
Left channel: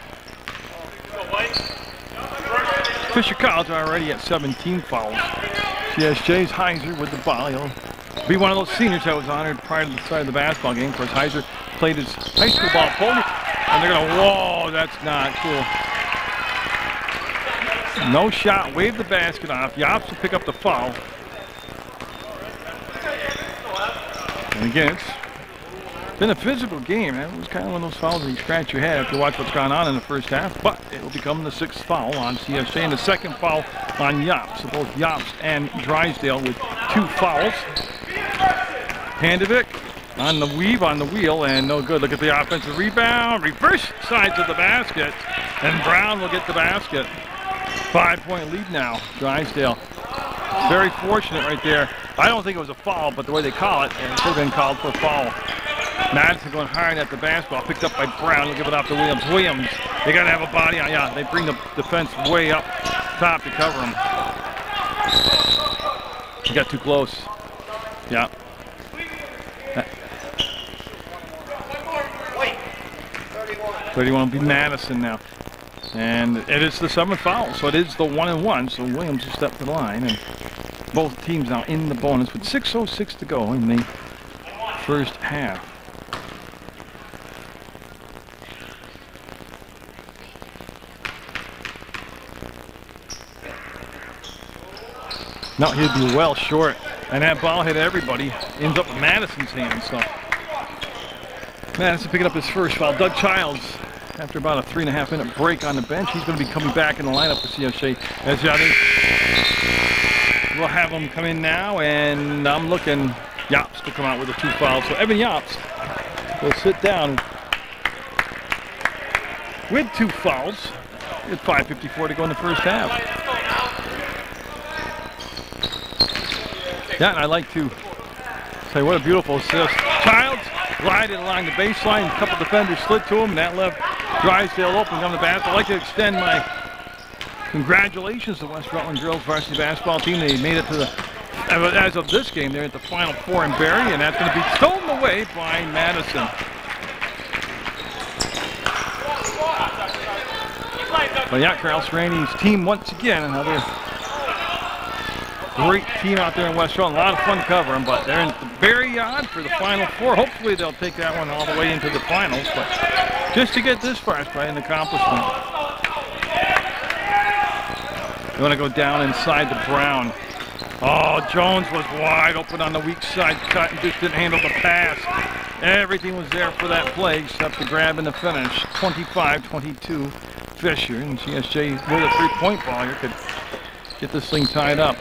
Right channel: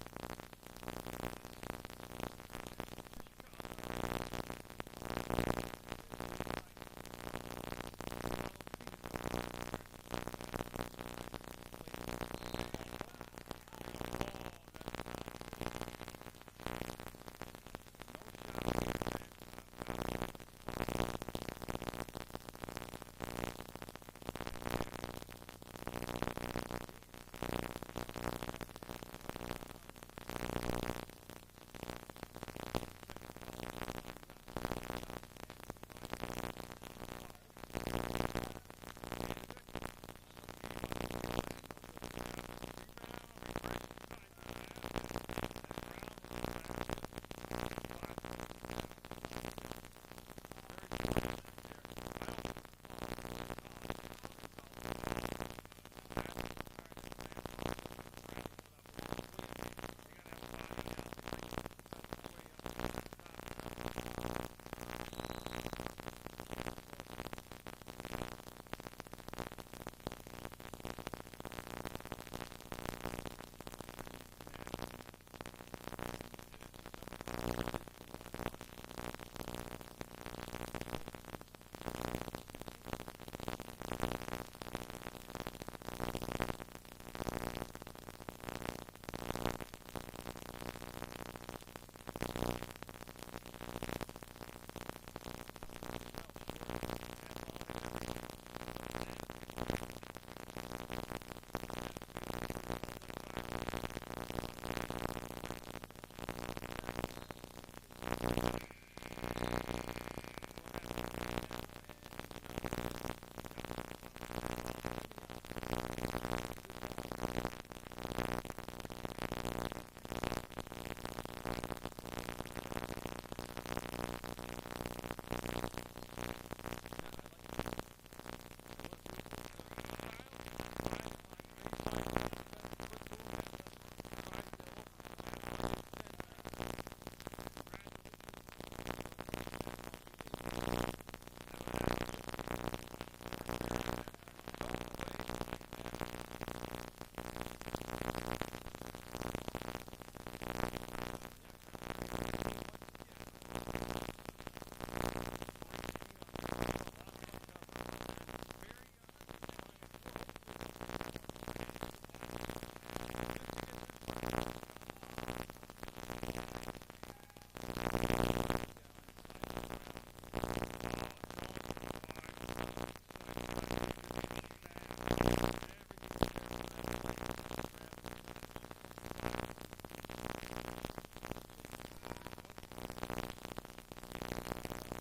Fisher College already at 17 fouls. CSJ's Heiser with the ball. He'll be one of those seniors that was honored prior to the start of the basketball game. Of course, Heiser played his high school ball pole, and they're going to, whoa, that's not cool. No shot, wave the basket off. Yops will pick up the foul. And again, it's been a physical game. It was kind of one of those fouls that you scratch your head if you watch what's gone on in the first half. But it will become the 6th foul on CSJ and the 2nd foul on Yops. So both Yops and Drysdale with 2 fouls. Handovic on the weave, on the wheel, and no good. Look at the offensive rebound. Reverse sides of the basket, and Brown will get the basket. 5-point lead now, Drysdale. Very fortunate right there. I don't think it was a foul, but the way they call it, and it could have been called for a foul. Madison going hard at the basketball, picked up by Brown. They'll give it off to Williams. Williams, they got to have a body on. Yeah, they bring the defense way up top to cover him. He got too close. Yeah. 31 will be Madison now. And it is the 7th foul, so it is the 1-and-1. So Williams will step to the line, and both teams now in the bonus with 6:06 to go in the first half. No, he'd be well short, and that ball hit everybody. Ends up in Madison's hands. So Madison picking up his first foul. Doug Childs, after about a 3.5-minute break on the bench, he's going to be coming back in the lineup for CSJ. As we'll have him come in now, and I'm looking Yops to come out with the 2 fouls. So Evan Yops will sit down with 2 fouls. With 5:54 to go in the first half. Yeah, and I'd like to say what a beautiful assist. Childs glided along the baseline, a couple defenders slid to him, and that left Drysdale open on the basket. I'd like to extend my congratulations to West Rutland girls varsity basketball team. They made it to the, as of this game, they're at the Final Four in Barrie, and that's going to be stolen away by Madison. But yeah, Carl Serrani's team once again, another great team out there in West Rutland. A lot of fun covering, but they're in the Barrie yard for the Final Four. Hopefully they'll take that one all the way into the finals, but just to get this far is probably an accomplishment. You want to go down inside to Brown. Oh, Jones was wide open on the weak side cut and just didn't handle the pass. Everything was there for that play except the grab and the finish. 25-22 Fisher, and CSJ with a three-point ball here could get this thing tied up.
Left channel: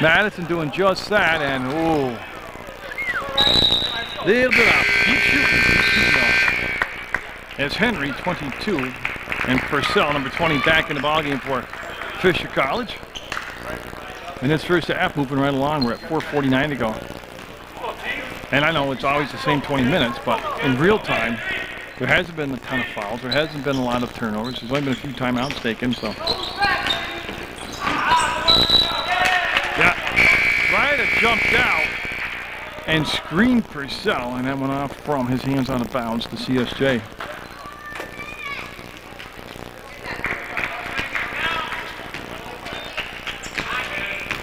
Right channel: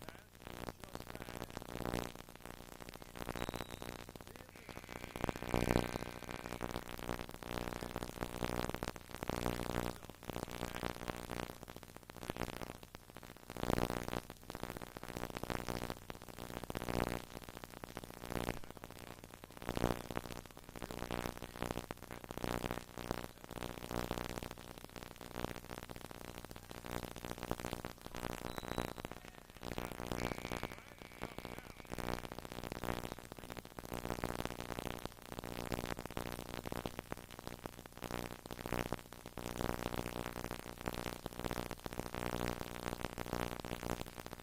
Madison doing just that, and oh, little bit off. Keep shooting off. As Henry, 22, and Purcell, number 20, back in the ballgame for Fisher College. And this first half moving right along. We're at 4:49 to go. And I know it's always the same 20 minutes, but in real time, there hasn't been a ton of fouls. There hasn't been a lot of turnovers. There's only been a few timeouts taken, so. Yeah, Ryder jumped out and screened Purcell, and that went off from his hands out of bounds to CSJ.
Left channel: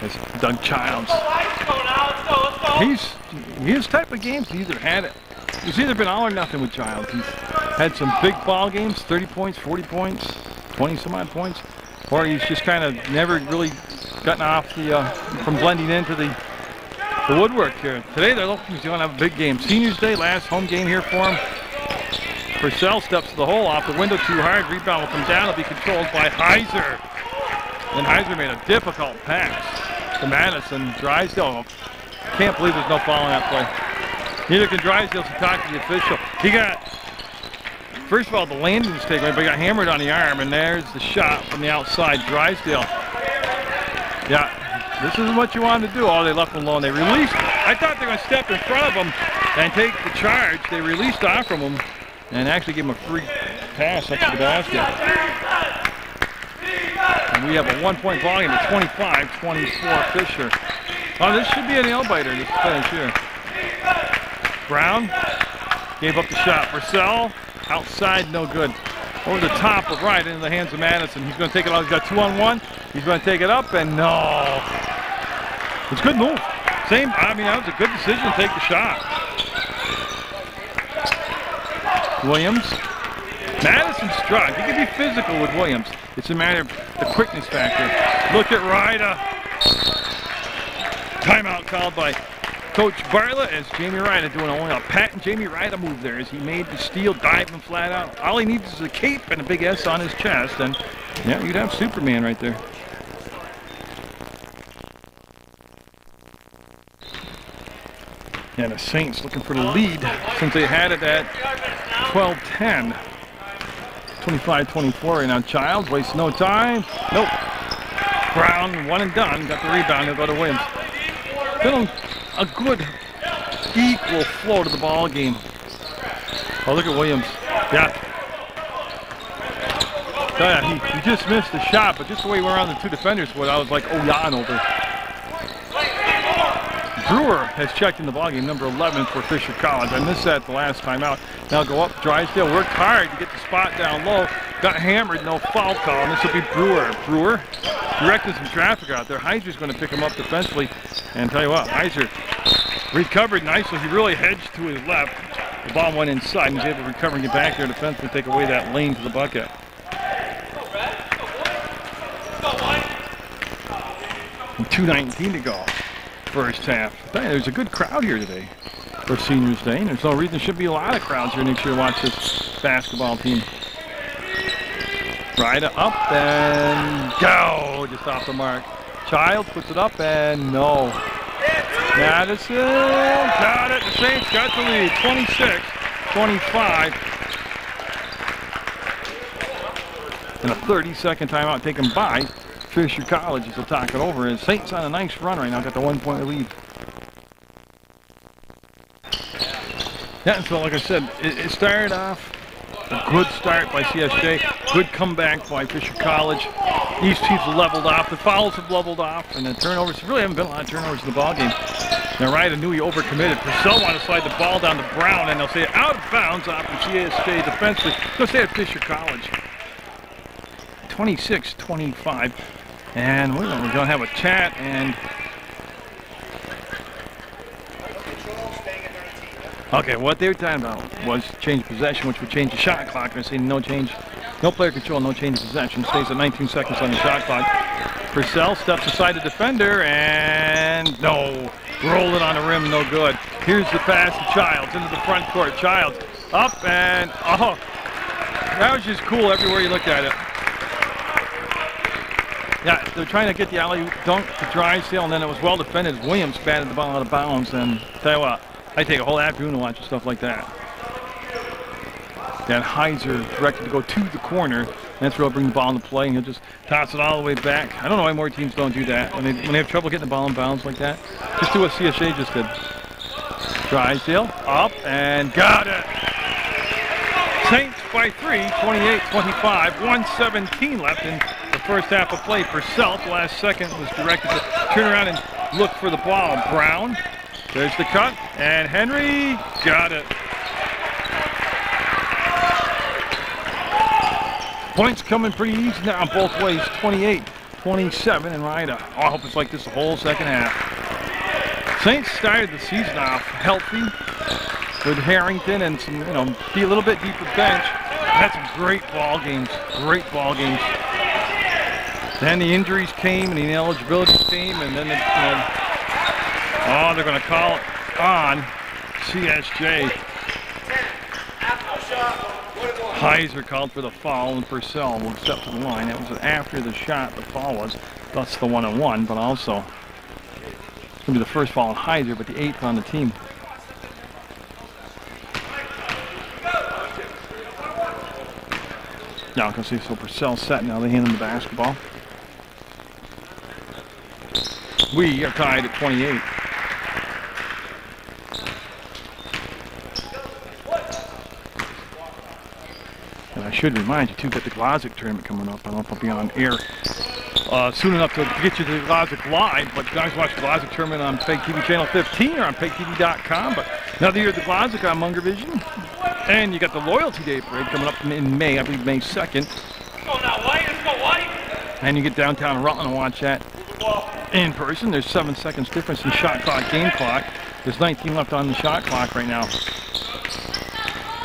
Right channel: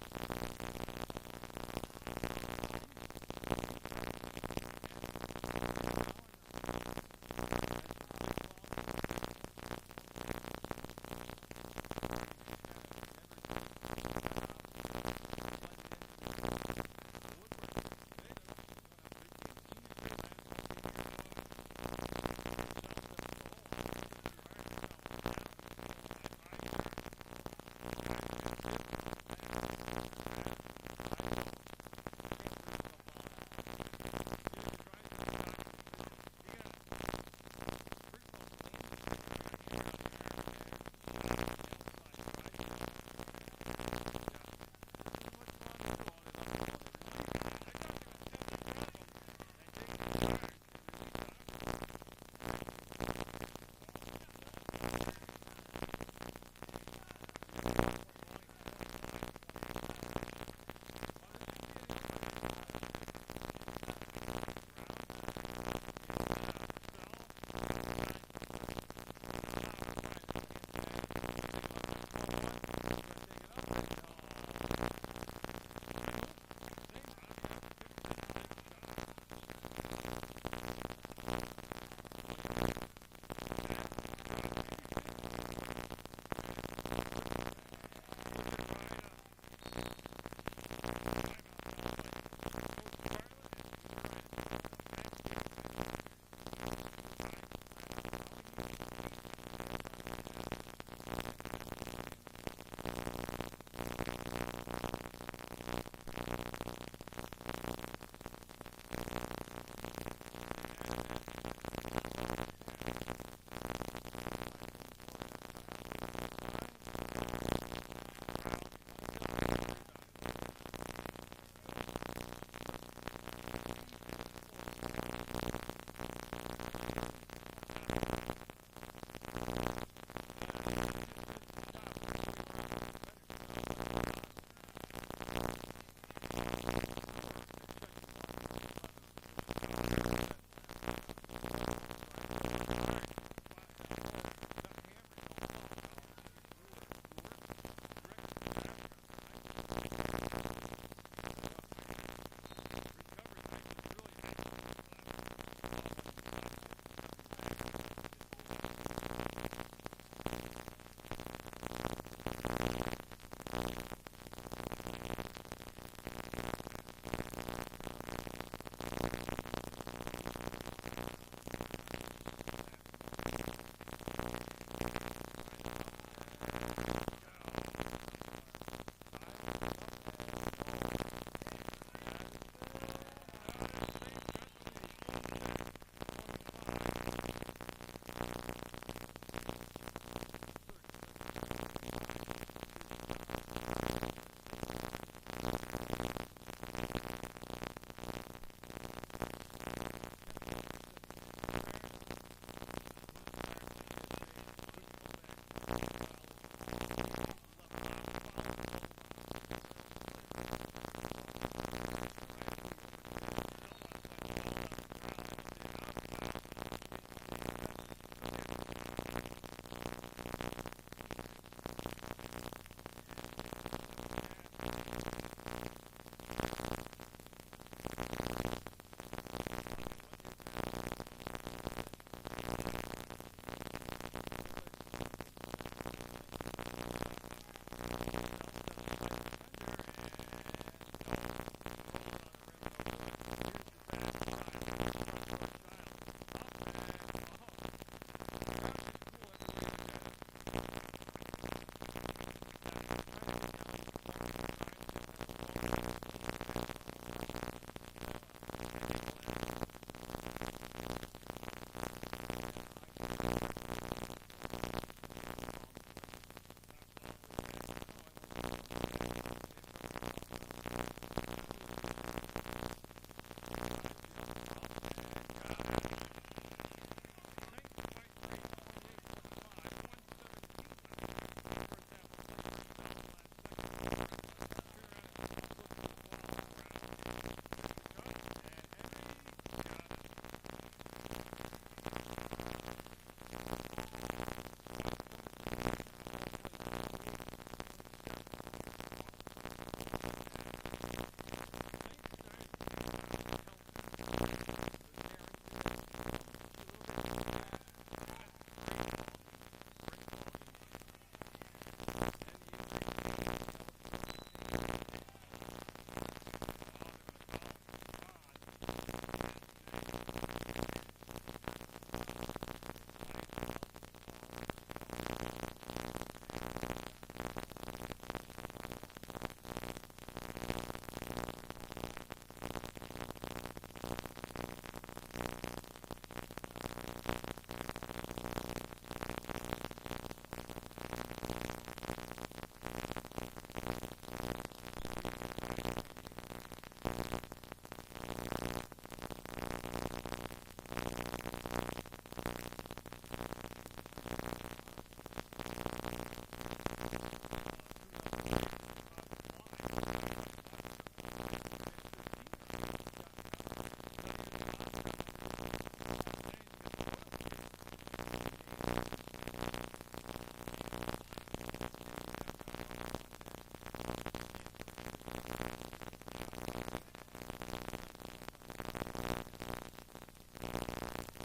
That's Doug Childs. His type of games, he's either been all or nothing with Childs. He's had some big ball games, 30 points, 40 points, 20 some odd points, or he's just kind of never really gotten off the from blending into the woodwork here. Today they're looking to have a big game. Seniors Day, last home game here for him. Purcell steps to the hole, off the window too hard. Rebound will come down. It'll be controlled by Heiser. And Heiser made a difficult pass to Madison. Drysdale, can't believe there's no foul on that play. Neither can Drysdale to talk to the official. He got, first of all, the landing mistake, but he got hammered on the arm, and there's the shot from the outside. Drysdale. Yeah, this isn't what you wanted to do. Oh, they left him alone. They released. I thought they were going to step in front of him and take the charge. They released off from him and actually gave him a free pass up to the basket. And we have a 1-point volume of 25-24 Fisher. Oh, this should be a nail-biter, this finish here. Brown gave up the shot. Purcell, outside, no good. Over the top of right into the hands of Madison. He's going to take it out. He's got 2-on-1. He's going to take it up, and no. It's a good move. I mean, that was a good decision to take the shot. Williams. Madison's strong. He can be physical with Williams. It's a matter of the quickness factor. Look at Ryder. Timeout called by Coach Bartlett as Jamie Ryder doing only a patent Jamie Ryder move there as he made the steal, diving flat out. All he needs is a cape and a big S on his chest, and yeah, you'd have Superman right there. And the Saints looking for the lead since they had it at 12-10. 25-24 right now. Childs wastes no time. Nope. Brown, one and done. Got the rebound. He'll go to Williams. Been a good equal flow to the ball game. Oh, look at Williams. Yeah. He just missed the shot, but just the way he went around the two defenders, I was like, oh, yeah, and over. Brewer has checked in the ballgame, number 11 for Fisher College. I missed that the last time out. Now go up. Drysdale worked hard to get the spot down low. Got hammered, no foul call, and this will be Brewer. Brewer directing some traffic out there. Heiser's going to pick him up defensively. And tell you what, Heiser recovered nicely. He really hedged to his left. The ball went inside, and he's able to recover and get back there defensively, take away that lane to the bucket. And 2:19 to go. First half. There's a good crowd here today for Seniors Day, and there's no reason there should be a lot of crowds here next year to watch this basketball team. Ryder up and go, just off the mark. Childs puts it up and no. Madison got it. The Saints got the lead, 26-25. And a 30-second timeout taken by Fisher College as they'll talk it over. And Saints on a nice run right now, got the 1-point lead. Yeah, and so like I said, it started off a good start by CSJ, good comeback by Fisher College. These teams have leveled off, the fouls have leveled off, and the turnovers, really haven't been a lot of turnovers in the ballgame. Now Ryder knew he overcommitted. Purcell wanted to slide the ball down to Brown, and they'll say out of bounds off the CSJ defensively. They'll say at Fisher College. 26-25. And we're going to have a chat, and okay, what they were talking about was change possession, which would change the shot clock. They're saying no change, no player control, no change of possession. Stays at 19 seconds on the shot clock. Purcell steps aside the defender, and no, rolled it on the rim, no good. Here's the pass to Childs into the front court. Childs up and, oh, that was just cool everywhere you looked at it. Yeah, they're trying to get the alley dunk to Drysdale, and then it was well defended. Williams batted the ball out of bounds, and tell you what, I take a whole afternoon to watch stuff like that. That Heiser directed to go to the corner. That's where he'll bring the ball into play, and he'll just toss it all the way back. I don't know why more teams don't do that. When they have trouble getting the ball in bounds like that, just do what CSJ just did. Drysdale up and got it. Saints by 3, 28-25, 1:17 left in the first half of play. Purcell, last second, was directed to turn around and look for the ball. Brown, there's the cut, and Henry got it. Points coming pretty easy now both ways, 28-27, and Ryder. Oh, I hope it's like this the whole second half. Saints started the season off healthy with Harrington and some, be a little bit deeper bench. Had some great ball games, Then the injuries came and the ineligibility came, and then they're going to call it on CSJ. Heiser called for the foul, and Purcell will step to the line. That was after the shot, the foul was. That's the 1-on-1, but also it's going to be the first foul on Heiser, but the 8th on the team. Now, I can see, so Purcell's set now. They hand him the basketball. We are tied at 28. And I should remind you, too, that the Glozik tournament coming up. I don't know if I'll be on air soon enough to get you to the Glozik live, but you guys watch the Glozik tournament on PEGTV channel 15 or on PEGTV.com. But another year of the Glozik on Munger Vision. And you got the Loyalty Day Parade coming up in May, I believe May 2nd. Go now, White. Let's go, White. And you get downtown Rutland and watch that in person. There's 7 seconds difference in shot clock, game clock. There's 19 left on the shot clock right now.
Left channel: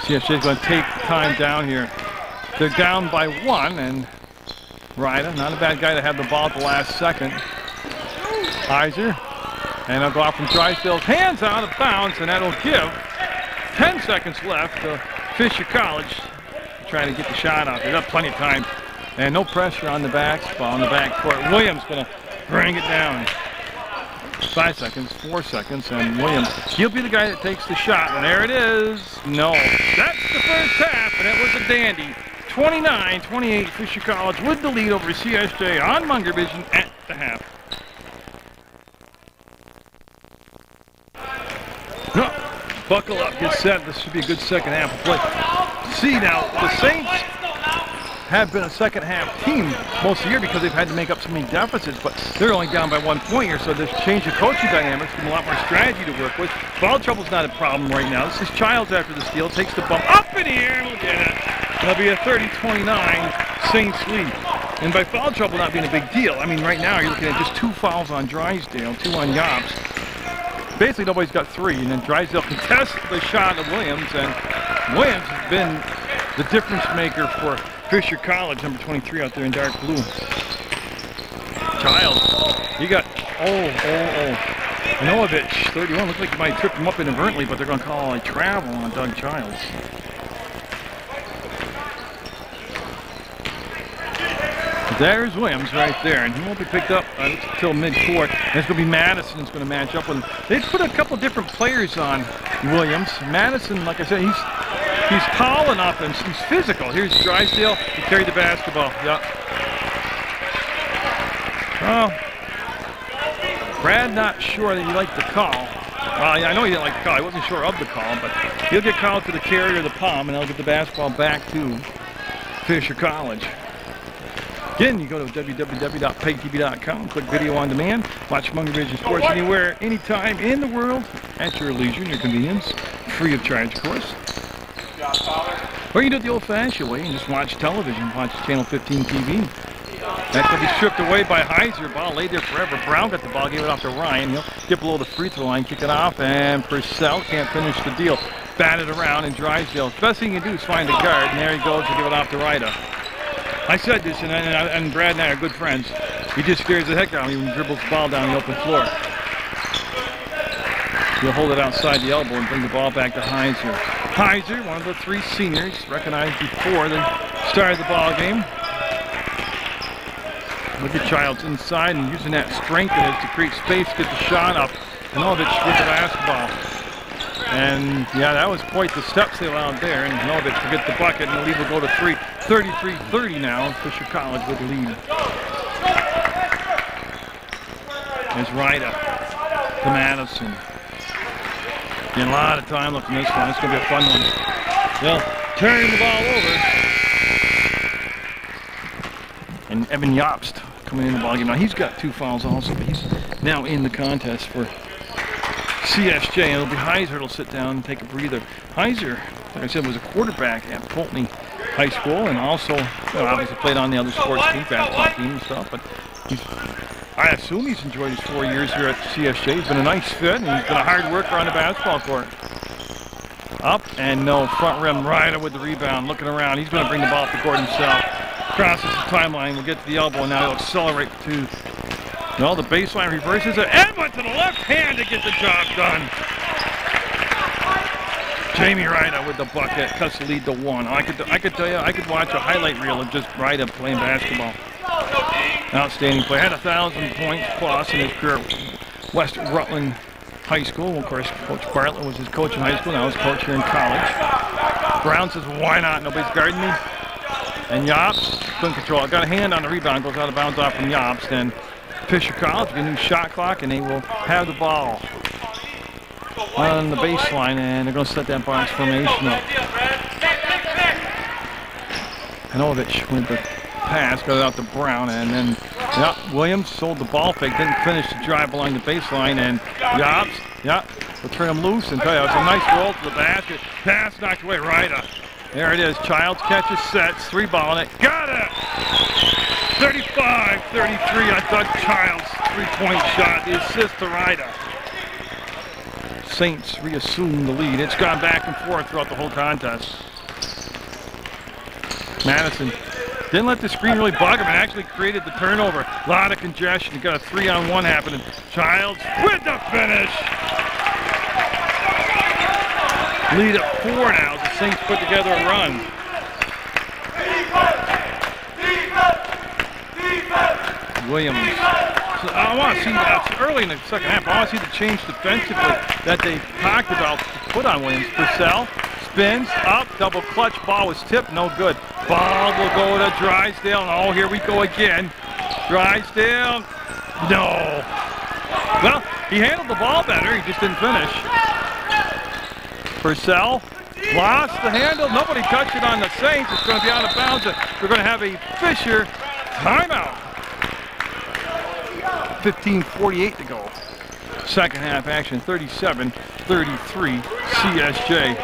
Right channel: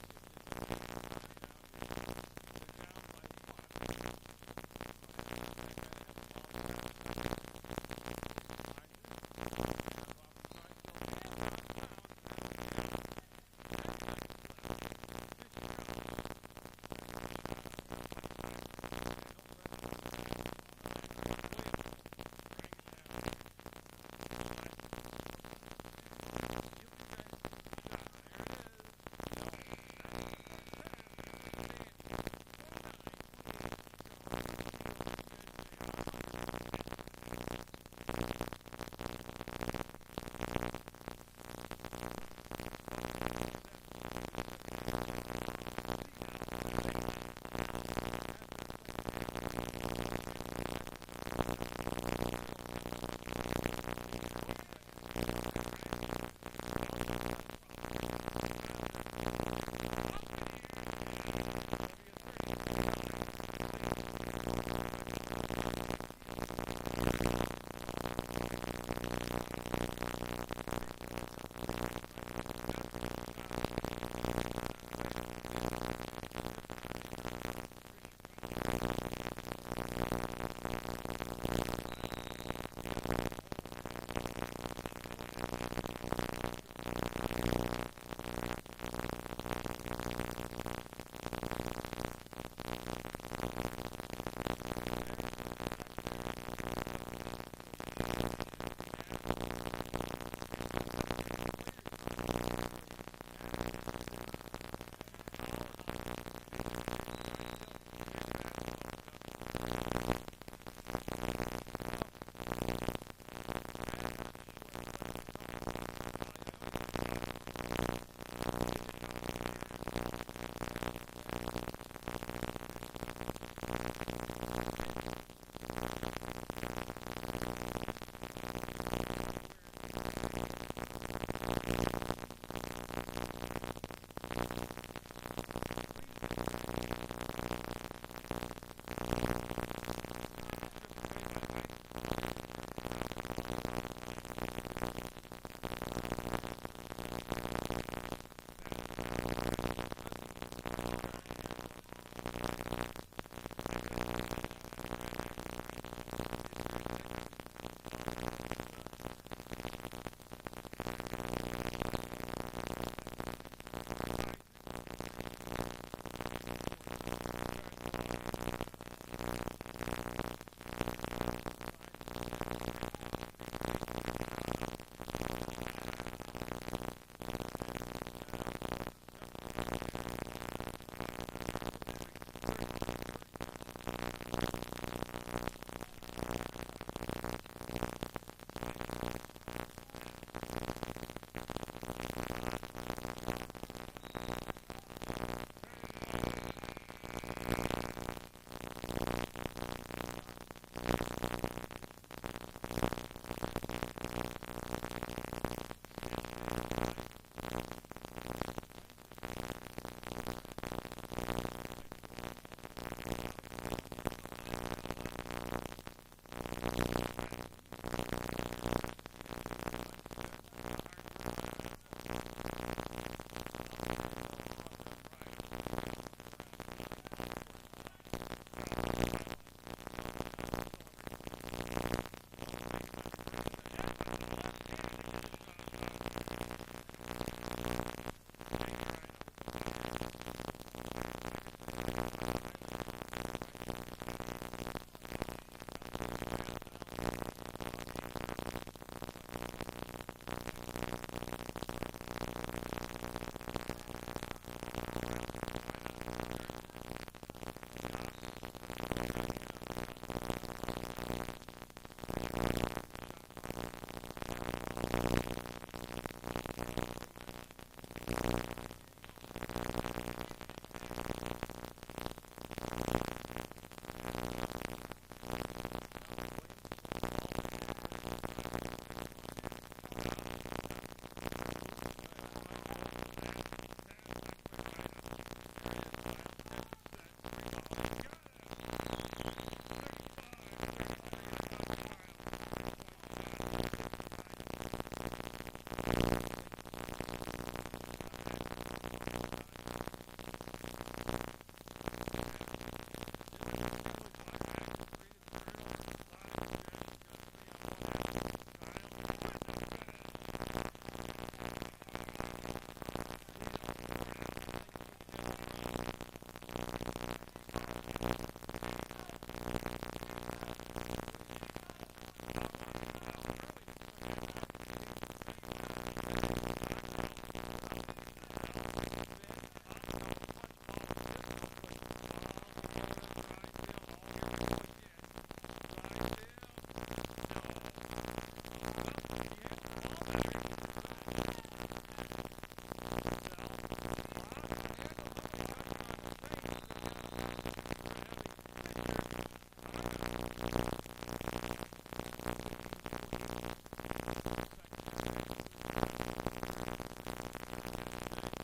CSJ is going to take the time down here. They're down by 1, and Ryder, not a bad guy to have the ball at the last second. Heiser, and they'll go off from Drysdale's hands out of bounds, and that'll give 10 seconds left to Fisher College trying to get the shot out. They've got plenty of time, and no pressure on the basketball on the backcourt. Williams going to bring it down. 5 seconds, 4 seconds, and Williams, he'll be the guy that takes the shot, and there it is. No, that's the first half, and it was a dandy. 29-28, Fisher College with the lead over CSJ on Munger Vision at the half. No, buckle up, get set. This should be a good second half of play. See now, the Saints have been a second half team most of the year because they've had to make up so many deficits, but they're only down by 1 point here, so there's change of coaching dynamics, give them a lot more strategy to work with. Foul trouble's not a problem right now. This is Childs after the steal, takes the bump up in the air, and we'll get it. It'll be a 30-29 Saints lead. And by foul trouble not being a big deal, I mean, right now you're looking at just 2 fouls on Drysdale, 2 on Yops. Basically, nobody's got 3, and then Drysdale contests the shot of Williams, and Williams has been the difference maker for Fisher College, number 23 out there in dark blue. Childs, he got, Novich, 31, looks like he might trip him up inadvertently, but they're going to call a travel on Doug Childs. There's Williams right there, and he won't be picked up until mid-court. And it's going to be Madison who's going to match up with him. They put a couple different players on Williams. Madison, like I said, he's tall enough and he's physical. Here's Drysdale. He carried the basketball. Yep. Well, Brad not sure that he liked the call. Well, I know he didn't like the call. He wasn't sure of the call, but he'll get called for the carry or the palm, and they'll get the basketball back to Fisher College. Again, you go to www.pegtv.com, click video on demand, watch Munger Vision Sports anywhere, anytime in the world, at your leisure and your convenience, free of charge, of course. Or you can do it the old-fashioned way and just watch television, watch Channel 15 TV. That's going to be stripped away by Heiser. Ball laid there forever. Brown got the ball, gave it off to Ryan. He'll dip below the free throw line, kick it off, and Purcell can't finish the deal. Bat it around, and Drysdale. The best thing you can do is find a guard, and there he goes to give it off to Ryder. I said this, and Brad and I are good friends. He just scares the heck out of me when he dribbles the ball down the open floor. He'll hold it outside the elbow and bring the ball back to Heiser. Heiser, one of the 3 seniors, recognized before the start of the ball game. Look at Childs inside and using that strength it is to create space, get the shot up. Novich with the basketball. And yeah, that was quite the steps they allowed there. And Novich to get the bucket, and the lead will go to 3. 33-30 now. Fisher College with the lead. There's Ryda to Madison. Getting a lot of time left in this one. It's going to be a fun one. They'll turn the ball over. And Evan Jobst coming in the ball game. Now he's got 2 fouls also, but he's now in the contest for CSJ. And it'll be Heiser that'll sit down and take a breather. Heiser, like I said, was a quarterback at Pulteney High School, and also obviously played on the other sports team, basketball team and stuff. But I assume he's enjoyed his 4 years here at CSJ. He's been a nice fit, and he's been a hard worker on the basketball court. Up and no, front rim, Ryder with the rebound, looking around. He's going to bring the ball up the court himself. Crosses the timeline, will get to the elbow, and now he'll accelerate to, the baseline reverses it. Edmund to the left hand to get the job done. Jamie Ryder with the bucket, cuts the lead to 1. I could tell you, I could watch a highlight reel of just Ryder playing basketball. Outstanding play. Had 1,000 points plus in his career at West Rutland High School. Of course, Coach Bartlett was his coach in high school. Now he's coach here in college. Brown says, why not? Nobody's guarding me. And Jobst couldn't control it. Got a hand on the rebound. Goes out of bounds off from Jobst. And Fisher College with a new shot clock, and they will have the ball on the baseline, and they're going to set that box formation up. Novich with the pass, got it out to Brown, and then Williams sold the ball fake, didn't finish the drive along the baseline, and Jobst, will turn him loose and tell you, it's a nice roll to the basket. Pass knocked away, Ryder. There it is. Childs catches, sets, 3-ball in it. Got it! 35-33. I thought Childs' 3-point shot. The assist to Ryder. Saints reassume the lead. It's gone back and forth throughout the whole contest. Madison didn't let the screen really bug him and actually created the turnover. A lot of congestion. You got a 3-on-1 happening. Childs with the finish. Lead at 4 now. The Saints put together a run. Williams. So I want to see that early in the second half. I want to see the change defensively that they talked about to put on Williams. Purcell spins up, double clutch. Ball was tipped, no good. Ball will go to Drysdale. And oh, here we go again. Drysdale. No. Well, he handled the ball better. He just didn't finish. Purcell lost the handle. Nobody touched it on the Saints. It's going to be out of bounds. We're going to have a Fisher timeout. 15:48 to go. Second half action, 37-33 CSJ.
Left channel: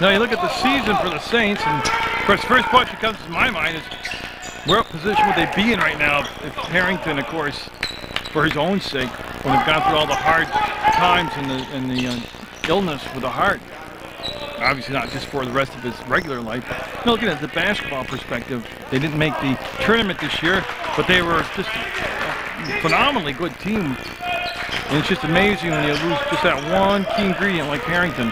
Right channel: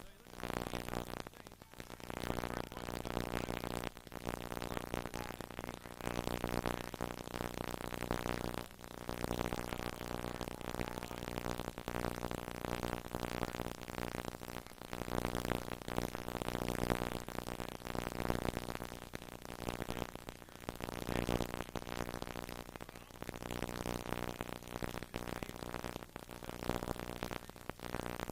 Now you look at the season for the Saints, and of course, the first question that comes to my mind is, what position would they be in right now if Harrington, of course, for his own sake, when they've gone through all the hard times and the illness with the heart, obviously not just for the rest of his regular life. But looking at the basketball perspective, they didn't make the tournament this year, but they were just a phenomenally good team. And it's just amazing when you lose just that one key ingredient like Harrington.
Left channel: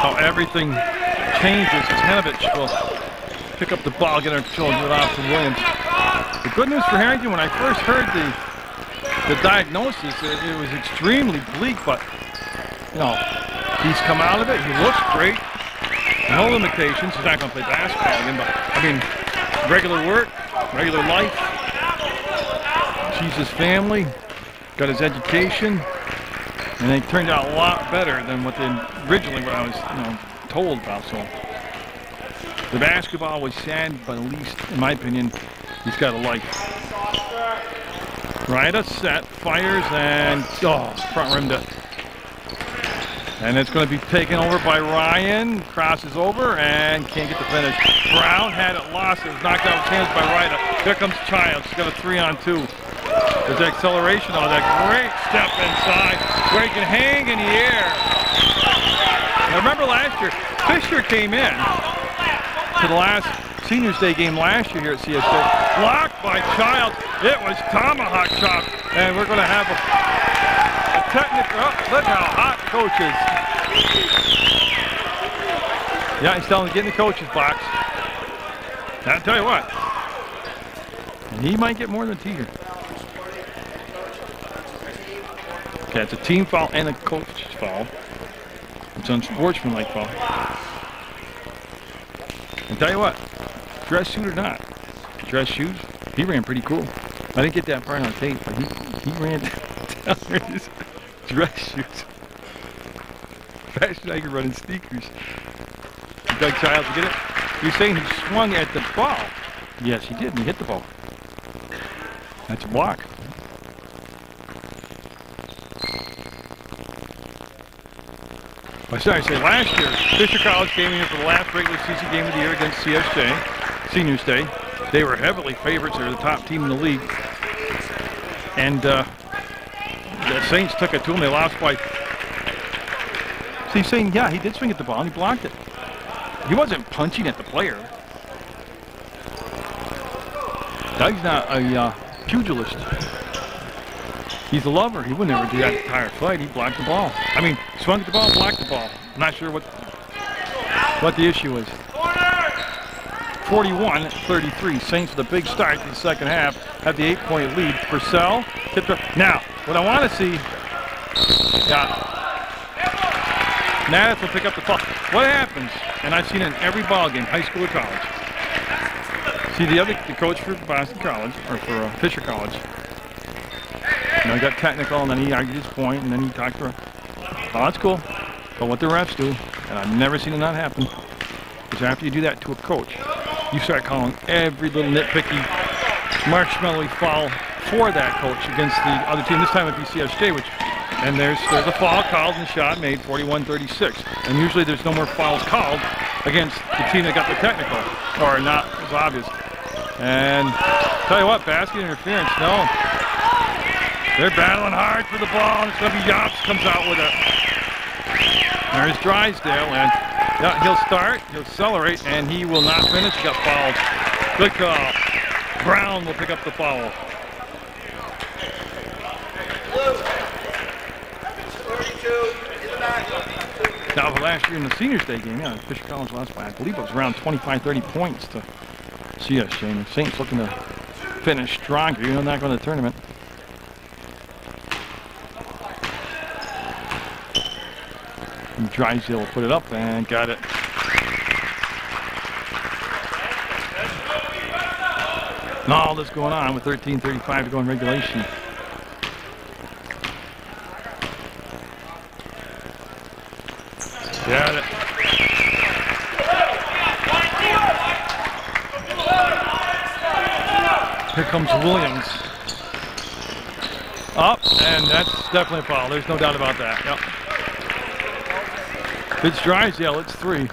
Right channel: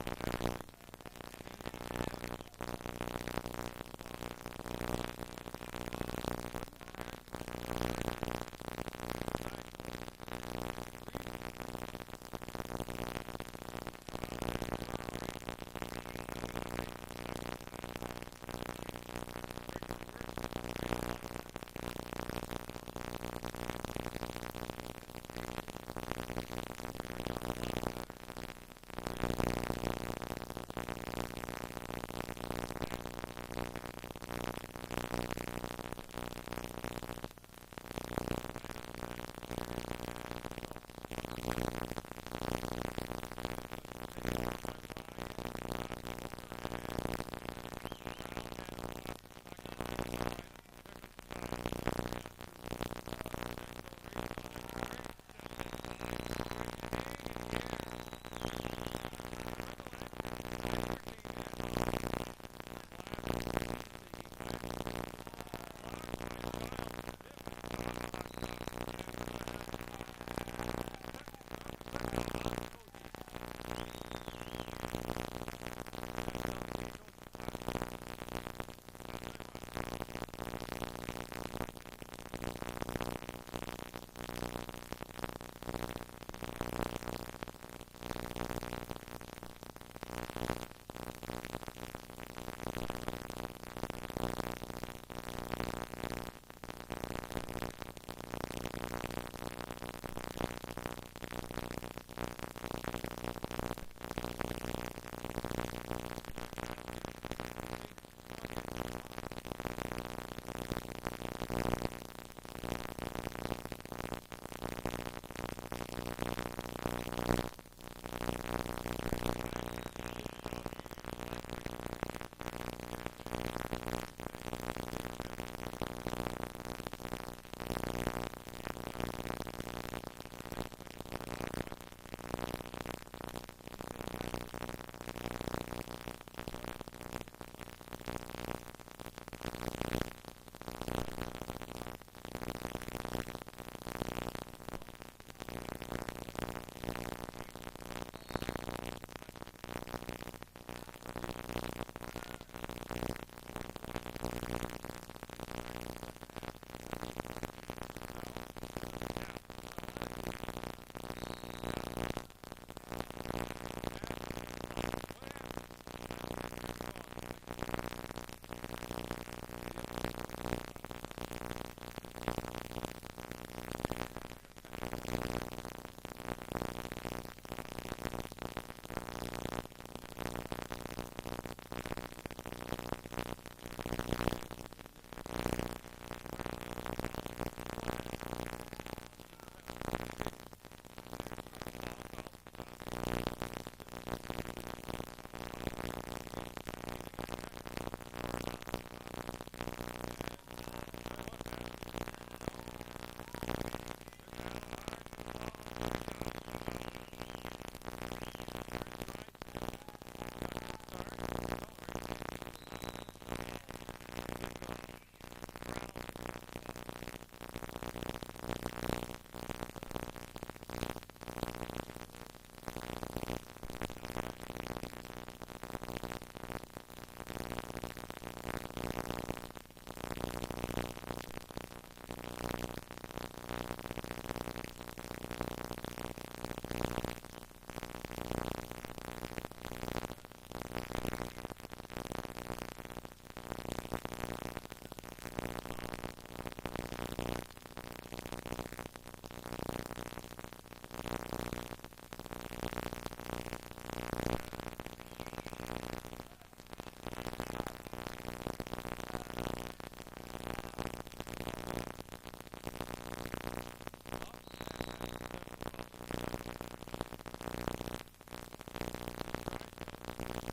How everything changes. Hanovich will pick up the ball, get it control, and give it off to Williams. The good news for Harrington, when I first heard the diagnosis, it was extremely bleak, but he's come out of it. He looks great. No limitations. He's not going to play basketball again, but I mean, regular work, regular life. Sees his family, got his education, and it turned out a lot better than what originally what I was, told about. So the basketball was sad, but at least, in my opinion, he's got a life. Ryder set, fires, and front rimmed it. And it's going to be taken over by Ryan. Crosses over and can't get the finish. Brown had it lost. It was knocked out of his hands by Ryder. Here comes Childs. He's got a 3-on-2. There's the acceleration on that great step inside where he can hang in the air. Now remember last year, Fisher came in to the last Seniors Day game last year here at CSJ. Blocked by Childs. It was tomahawk chop. And we're going to have a technical. Oh, look how hot the coach is. Yeah, he's telling him to get in the coach's box. I'll tell you what. He might get more than a teeter. Okay, it's a team foul and a coach's foul. It's an unsportsmanlike foul. I'll tell you what, dress suit or not, dress shoes, he ran pretty cool. I didn't get that part on tape, but he ran down there in his dress shoes. Faster than I could run in sneakers. Doug Childs, you get it? You're saying he swung at the ball. Yes, he did, and he hit the ball. That's a block. I say last year, Fisher College came in here for the last regular season game of the year against CSJ, Seniors Day. They were heavily favorites. They were the top team in the league. And the Saints took it to them. They lost by... So he's saying, yeah, he did swing at the ball and he blocked it. He wasn't punching at the player. Doug's not a pugilist. He's a lover. He would never do that entire fight. He blocked the ball. I mean, swung at the ball, blocked the ball. I'm not sure what the issue is. 41-33. Saints with a big start to the second half. Have the 8-point lead. Purcell tipped up. Now, what I want to see, Nattis will pick up the ball. What happens, and I've seen it in every ball game, high school or college. See the coach for Boston College, or for Fisher College. You know, he got technical, and then he argued his point, and then he talked to her. Oh, that's cool. But what the refs do, and I've never seen it not happen, is after you do that to a coach, you start calling every little nitpicky, marshmallowy foul for that coach against the other team. This time it'd be CSJ, and there's a foul called and a shot made, 41-36. And usually there's no more fouls called against the team that got the technical, or not as obvious. And tell you what, basket interference, no. They're battling hard for the ball, and it's going to be Yops comes out with it. There's Drysdale, and yeah, he'll start, he'll accelerate, and he will not finish. He got fouled. Good call. Brown will pick up the foul. Now, for last year in the Seniors Day game, yeah, Fisher College lost by, I believe it was around 25-30 points to CSJ. And the Saints looking to finish stronger, you know, not going to the tournament. And Drysdale will put it up and got it. And all this going on with 13:35 to go in regulation. Got it. Here comes Williams. Up, and that's definitely a foul. There's no doubt about that. Yep. It's Drysdale, it's 3.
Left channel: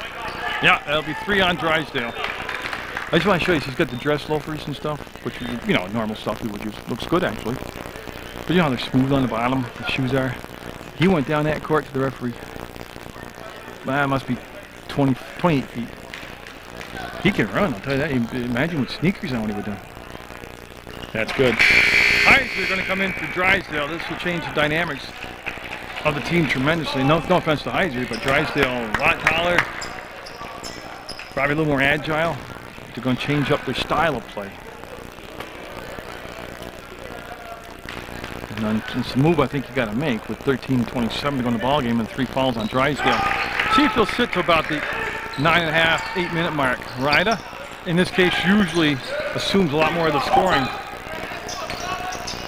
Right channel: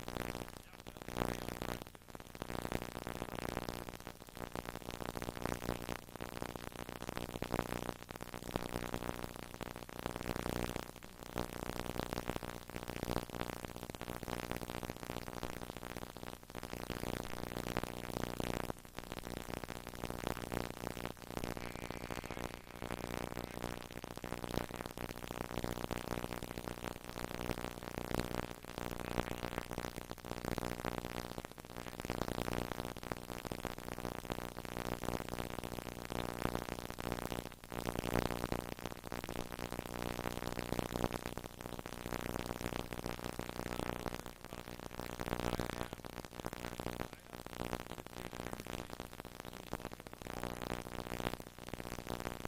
Yeah, that'll be 3 on Drysdale. I just want to show you, she's got the dress loafers and stuff, which, you know, normal stuff we would use. Looks good, actually. But you know how they're smooth on the bottom, the shoes are. He went down that court to the referee. That must be 28 feet. He can run, I'll tell you that. Imagine with sneakers on what he would do. That's good. Heiser are going to come in for Drysdale. This will change the dynamics of the team tremendously. No offense to Heiser, but Drysdale a lot taller, probably a little more agile. They're going to change up their style of play. And then it's a move I think you got to make with 13-27 to go in the ball game and 3 fouls on Drysdale. See if he'll sit to about the 9.5, 8-minute mark. Ryda, in this case, usually assumes a lot more of the scoring.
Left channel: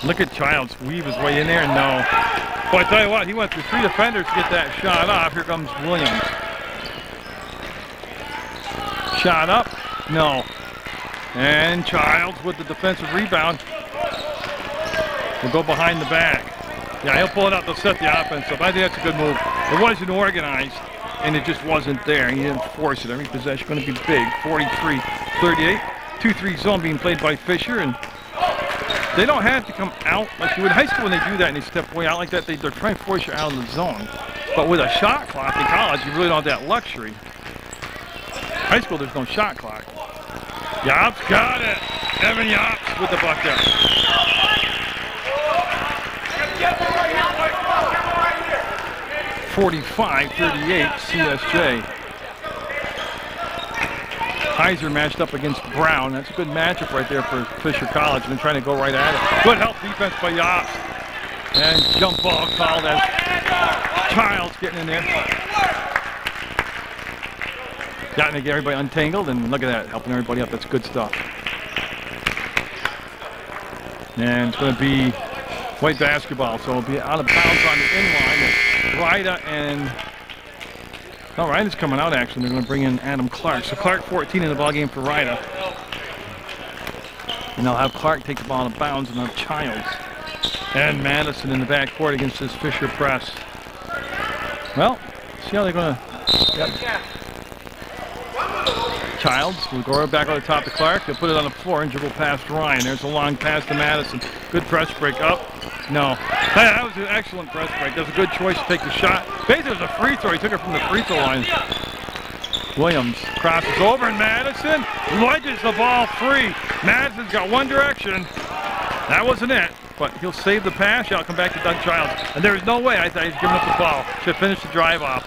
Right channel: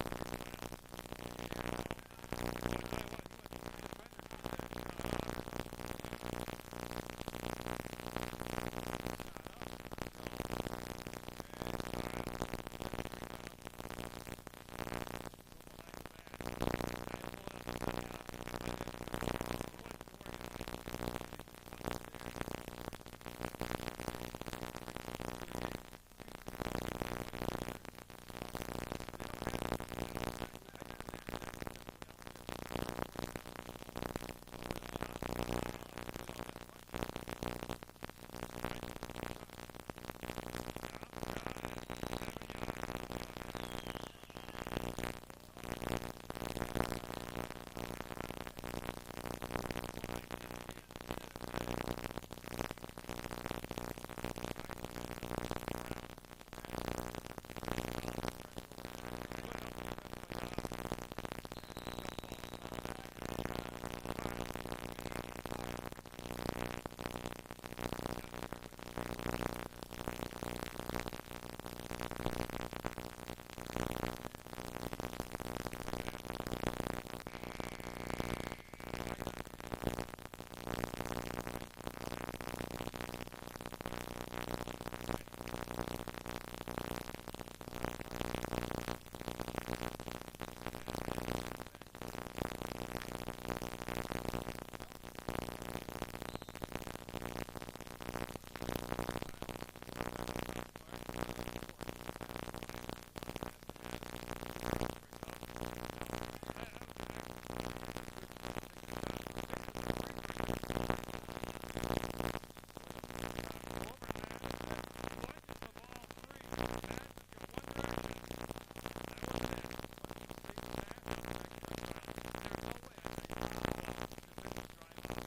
Look at Childs weave his way in there. No. Well, I tell you what, he went through 3 defenders to get that shot off. Here comes Williams. Shot up. No. And Childs with the defensive rebound will go behind the back. Yeah, he'll pull it up. They'll set the offense up. I think that's a good move. It wasn't organized, and it just wasn't there. He didn't force it. Every possession going to be big. 43-38. 2-3 zone being played by Fisher, and they don't have to come out like you would in high school when they do that and they step way out like that. They're trying to force you out of the zone. But with a shot clock in college, you really don't have that luxury. High school, there's no shot clock. Yops got it. Evan Yops with the bucket. 45-38 CSJ. Heiser matched up against Brown. That's a good matchup right there for Fisher College. And trying to go right at it. Good help defense by Yops. And jump ball called as Childs getting in there. Gotten to get everybody untangled, and look at that, helping everybody up. That's good stuff. And it's going to be white basketball, so it'll be out of bounds on the inline. Ryda and Ryda's coming out actually. They're going to bring in Adam Clark. So Clark 14 in the ball game for Ryda. And they'll have Clark take the ball out of bounds and have Childs and Madison in the backcourt against this Fisher press. Well, see how they're going to. Yep. Childs will go back on the top to Clark. He'll put it on the floor and dribble past Ryan. There's a long pass to Madison. Good press break up. No. Hey, that was an excellent press break. That's a good choice to take the shot. Basically, it was a free throw. He took it from the free throw line. Williams crosses over, and Madison wedges the ball free. Madison's got one direction. That wasn't it, but he'll save the pass. I'll come back to Doug Childs. And there's no way I thought he was giving up the ball. Should finish the drive off.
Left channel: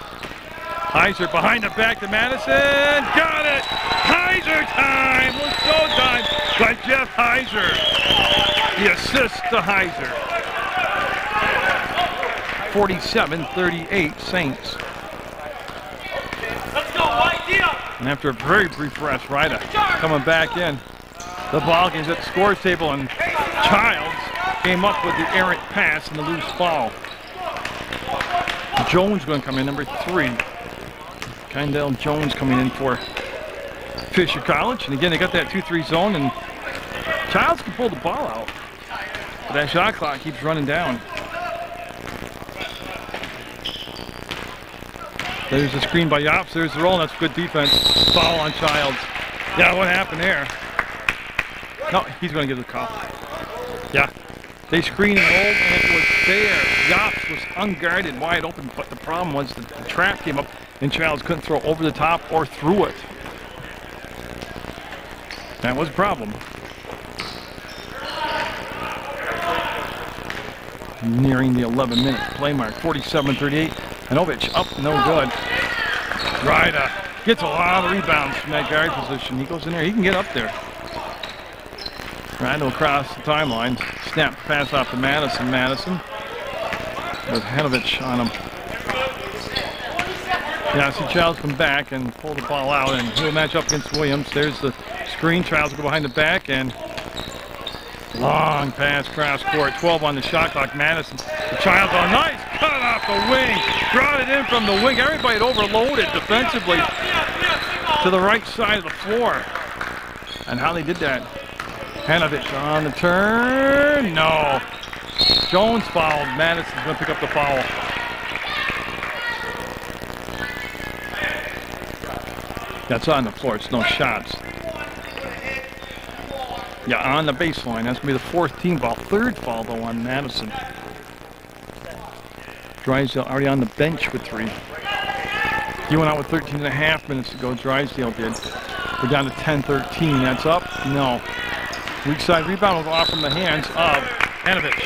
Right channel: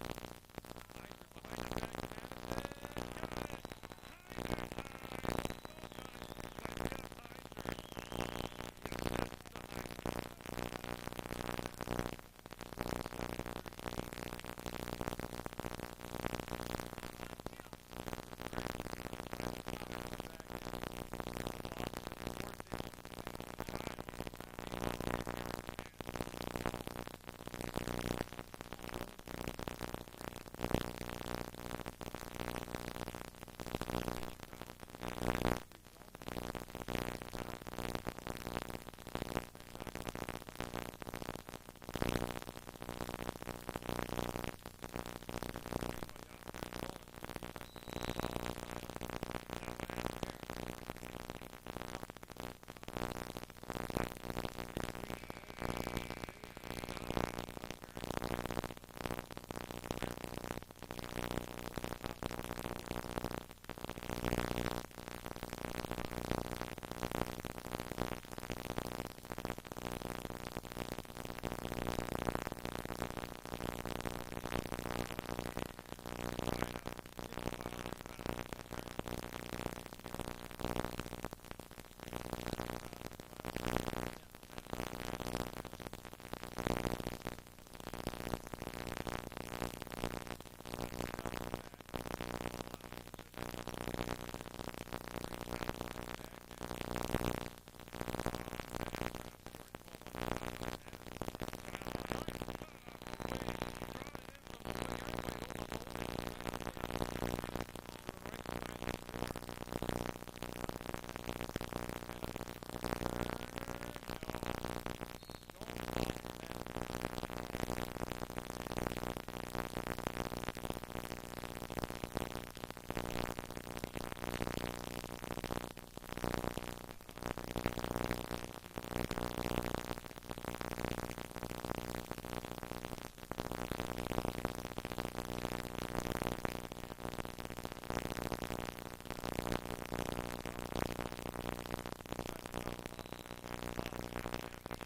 Heiser behind the back to Madison. Got it! Heiser time! Was so done by Jeff Heiser. The assist to Heiser. 47-38 Saints. Let's go, white deal. And after a very brief rest, Ryda coming back in. The ball game's at the scores table, and Childs came up with the errant pass and the loose ball. Jones going to come in, number 3. Kindell Jones coming in for Fisher College. And again, they got that 2-3 zone, and Childs can pull the ball out. But that shot clock keeps running down. There's the screen by Yops. There's the roll, and that's good defense. Foul on Childs. Yeah, what happened there? No, he's going to give the call. Yeah. They screened and rolled, and it was there. Yops was unguarded, wide open, but the problem was that the trap came up, and Childs couldn't throw over the top or through it. That was a problem. Nearing the 11-minute play mark, 47-38. Anovich up, no good. Ryda gets a lot of rebounds from that guard position. He goes in there, he can get up there. Ryda across the timeline. Snap pass off to Madison. Madison with Hanovich on him. Yeah, I see Childs come back and pull the ball out, and he'll match up against Williams. There's the screen. Childs will go behind the back, and long pass cross court. 12 on the shot clock. Madison. The Childs on nice cut off the wing. Brought it in from the wing. Everybody had overloaded defensively to the right side of the floor. And how they did that. Hanovich on the turn. No. Jones fouled. Madison's going to pick up the foul. That's on the floor. It's no shots. Yeah, on the baseline. That's going to be the 4th team foul. 3rd foul, though, on Madison. Drysdale already on the bench with 3. He went out with 13.5 minutes to go. Drysdale did. We're down to 10-13. That's up? No. Weak side rebound will go off from the hands of Hanovich.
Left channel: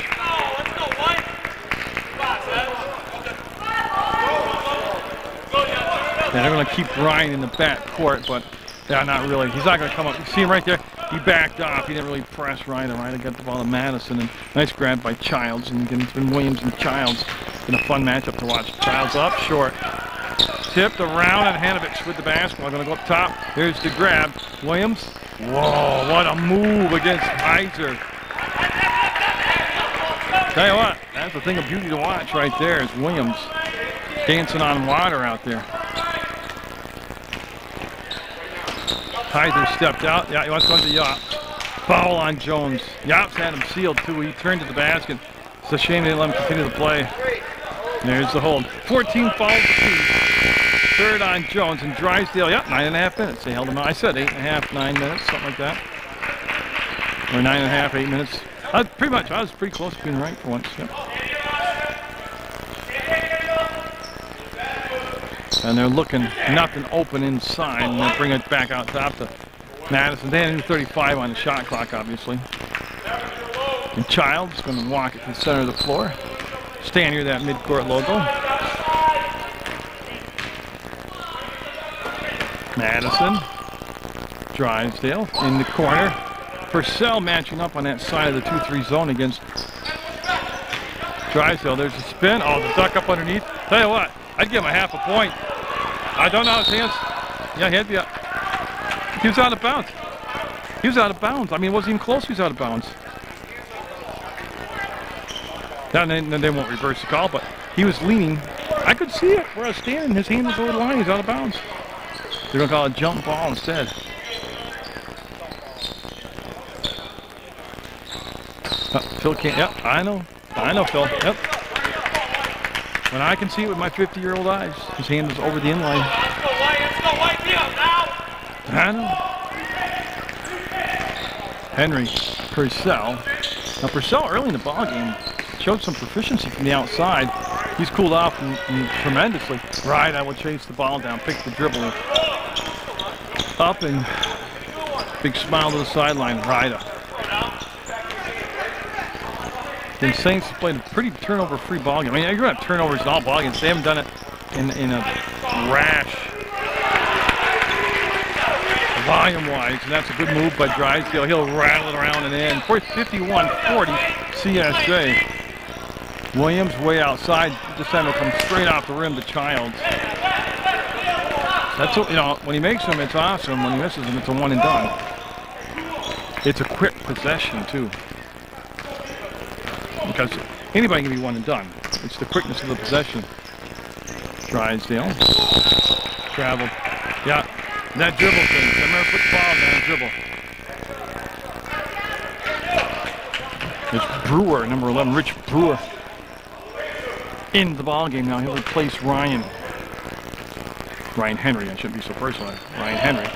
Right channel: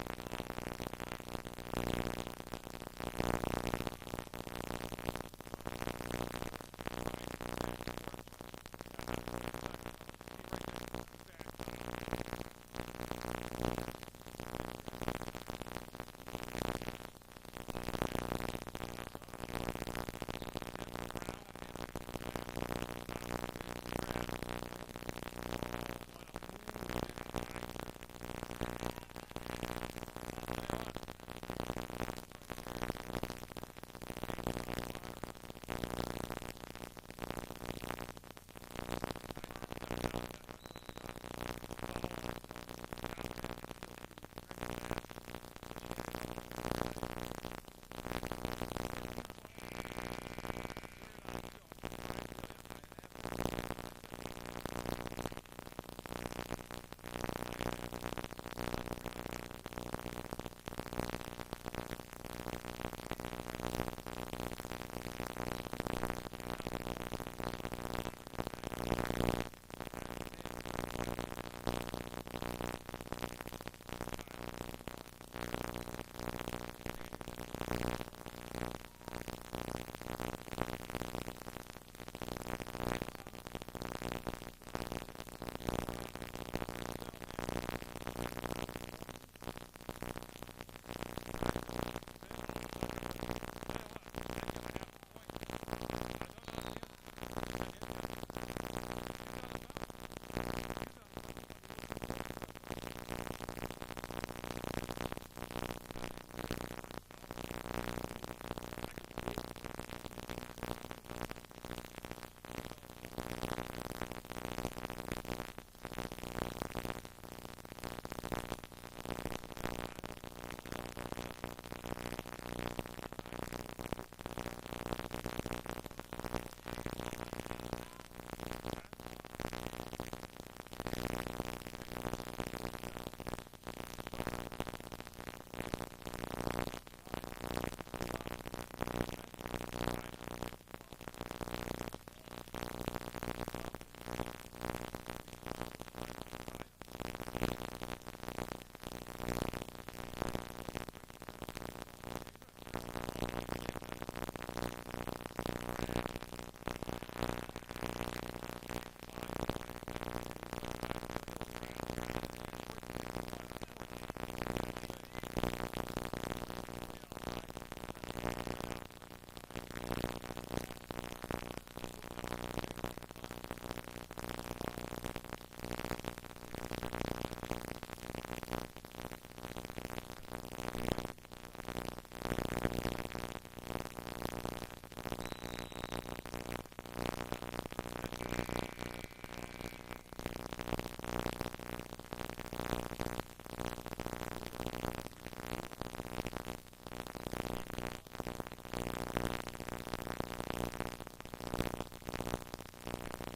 Yeah, they're going to keep Ryan in the back court, but yeah, not really. He's not going to come up. You see him right there? He backed off. He didn't really press Ryan. Ryan got the ball to Madison, and nice grab by Childs. And again, it's been Williams and Childs. Been a fun matchup to watch. Childs up, short. Tipped around, and Hanovich with the basketball. Going to go up top. Here's the grab. Williams. Whoa, what a move against Heiser. Tell you what, that's a thing of beauty to watch right there is Williams dancing on water out there. Heiser stepped out. Yeah, he wants to go to Yops. Foul on Jones. Yops had him sealed too. He turned to the basket. It's a shame they didn't let him continue to play. There's the hold. 14 fouls apiece. 3rd on Jones, and Drysdale, yep, 9.5 minutes. They held him out. I said 8.5, 9 minutes, something like that. Or 9.5, 8 minutes. I was pretty close to being right for once. Yep. And they're looking nothing open inside, and they'll bring it back out top to Madison. They had a new 35 on the shot clock, obviously. And Child's going to walk it to the center of the floor. Stand near that midcourt logo. Madison. Drysdale in the corner. Purcell matching up on that side of the 2-3 zone against Drysdale. There's a spin. Oh, the duck up underneath. Tell you what, I'd give him a half a point. I don't know his hands. Yeah, he had the. He was out of bounds. He was out of bounds. I mean, it wasn't even close. He was out of bounds. Now, they won't reverse the call, but he was leaning. I could see it where I was standing. His hand was over the line. He's out of bounds. They're going to call it a jump ball instead. Phil can't. Yep, I know. I know, Phil. Yep. When I can see it with my 50-year-old eyes, his hand is over the inline. Let's go, White, now! I know. Henry Purcell. Now Purcell early in the ball game showed some proficiency from the outside. He's cooled off and tremendously. Right, I will chase the ball down, pick the dribble up, and big smile to the sideline. Ryda. The Saints have played a pretty turnover-free ball game. I mean, you're going to have turnovers in all ball games. They haven't done it in a rash, volume-wise, and that's a good move by Drysdale. He'll rattle it around and in. 51-40 CSJ. Williams way outside. This time will come straight off the rim to Childs. That's what, you know, when he makes them, it's awesome. When he misses them, it's a one and done. It's a quick possession too, because anybody can be one and done. It's the quickness of the possession. Drysdale traveled. Yeah, that dribble thing. Remember, put the ball down and dribble. It's Brewer, number 11, Rich Brewer, in the ball game now. He'll replace Ryan Henry. I shouldn't be so personal. Ryan Henry.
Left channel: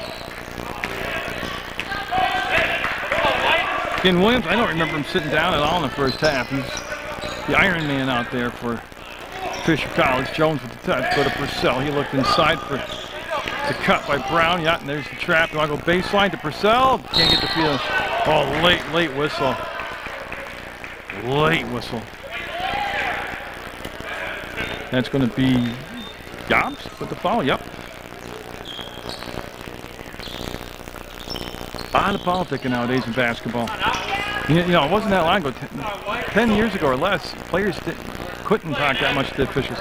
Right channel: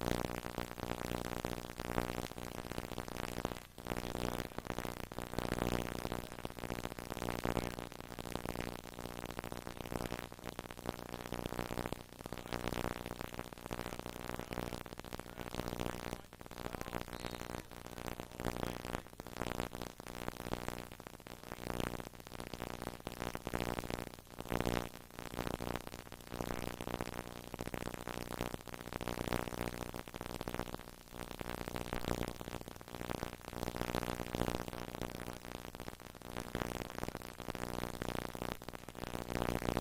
In Williams, I don't remember him sitting down at all in the first half. He's the Iron Man out there for Fisher College. Jones with the touch. Go to Purcell. He looked inside for the cut by Brown. Yeah, and there's the trap. You want to go baseline to Purcell? Can't get the feel. Oh, late whistle. Late whistle. That's going to be Jobs with the foul. Yep. A lot of politicking nowadays in basketball. You know, it wasn't that long ago, 10 years ago or less, players couldn't talk that much to the officials.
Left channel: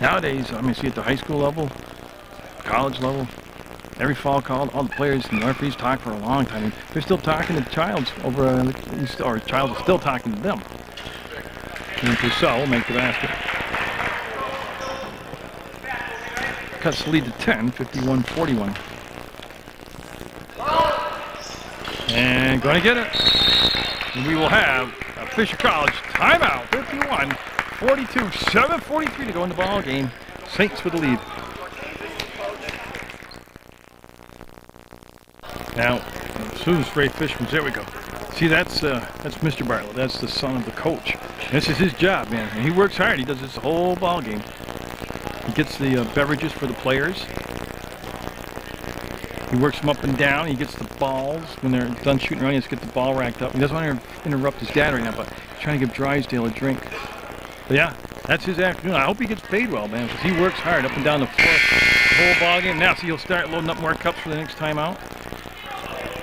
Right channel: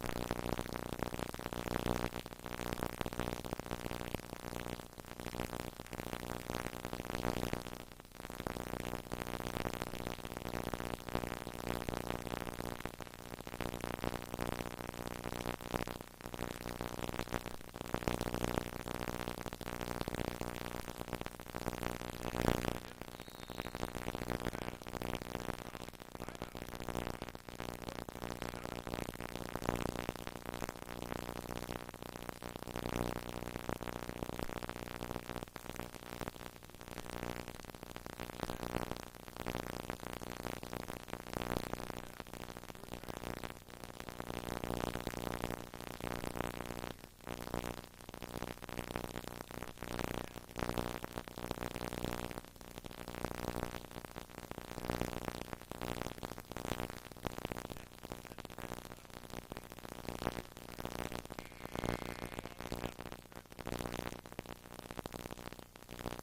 Nowadays, I mean, see at the high school level, college level, every foul called, all the players and the referees talk for a long time. They're still talking to Childs over, or Childs is still talking to them. And Purcell will make the basket. Cuts the lead to 10, 51-41. And going to get it. And we will have a Fisher College timeout. 51-42, 7:43 to go in the ball game. Saints with the lead. Now, as soon as Ray Fish comes, there we go. See, that's Mr. Bartlett. That's the son of the coach. This is his job, man. And he works hard. He does this the whole ball game. He gets the beverages for the players. He works them up and down. He gets the balls when they're done shooting around. He has to get the ball racked up. He doesn't want to interrupt his dad right now, but he's trying to give Drysdale a drink. But yeah, that's his afternoon. I hope he gets paid well, man, because he works hard up and down the floor the whole ball game. Now, see, he'll start loading up more cups for the next time out.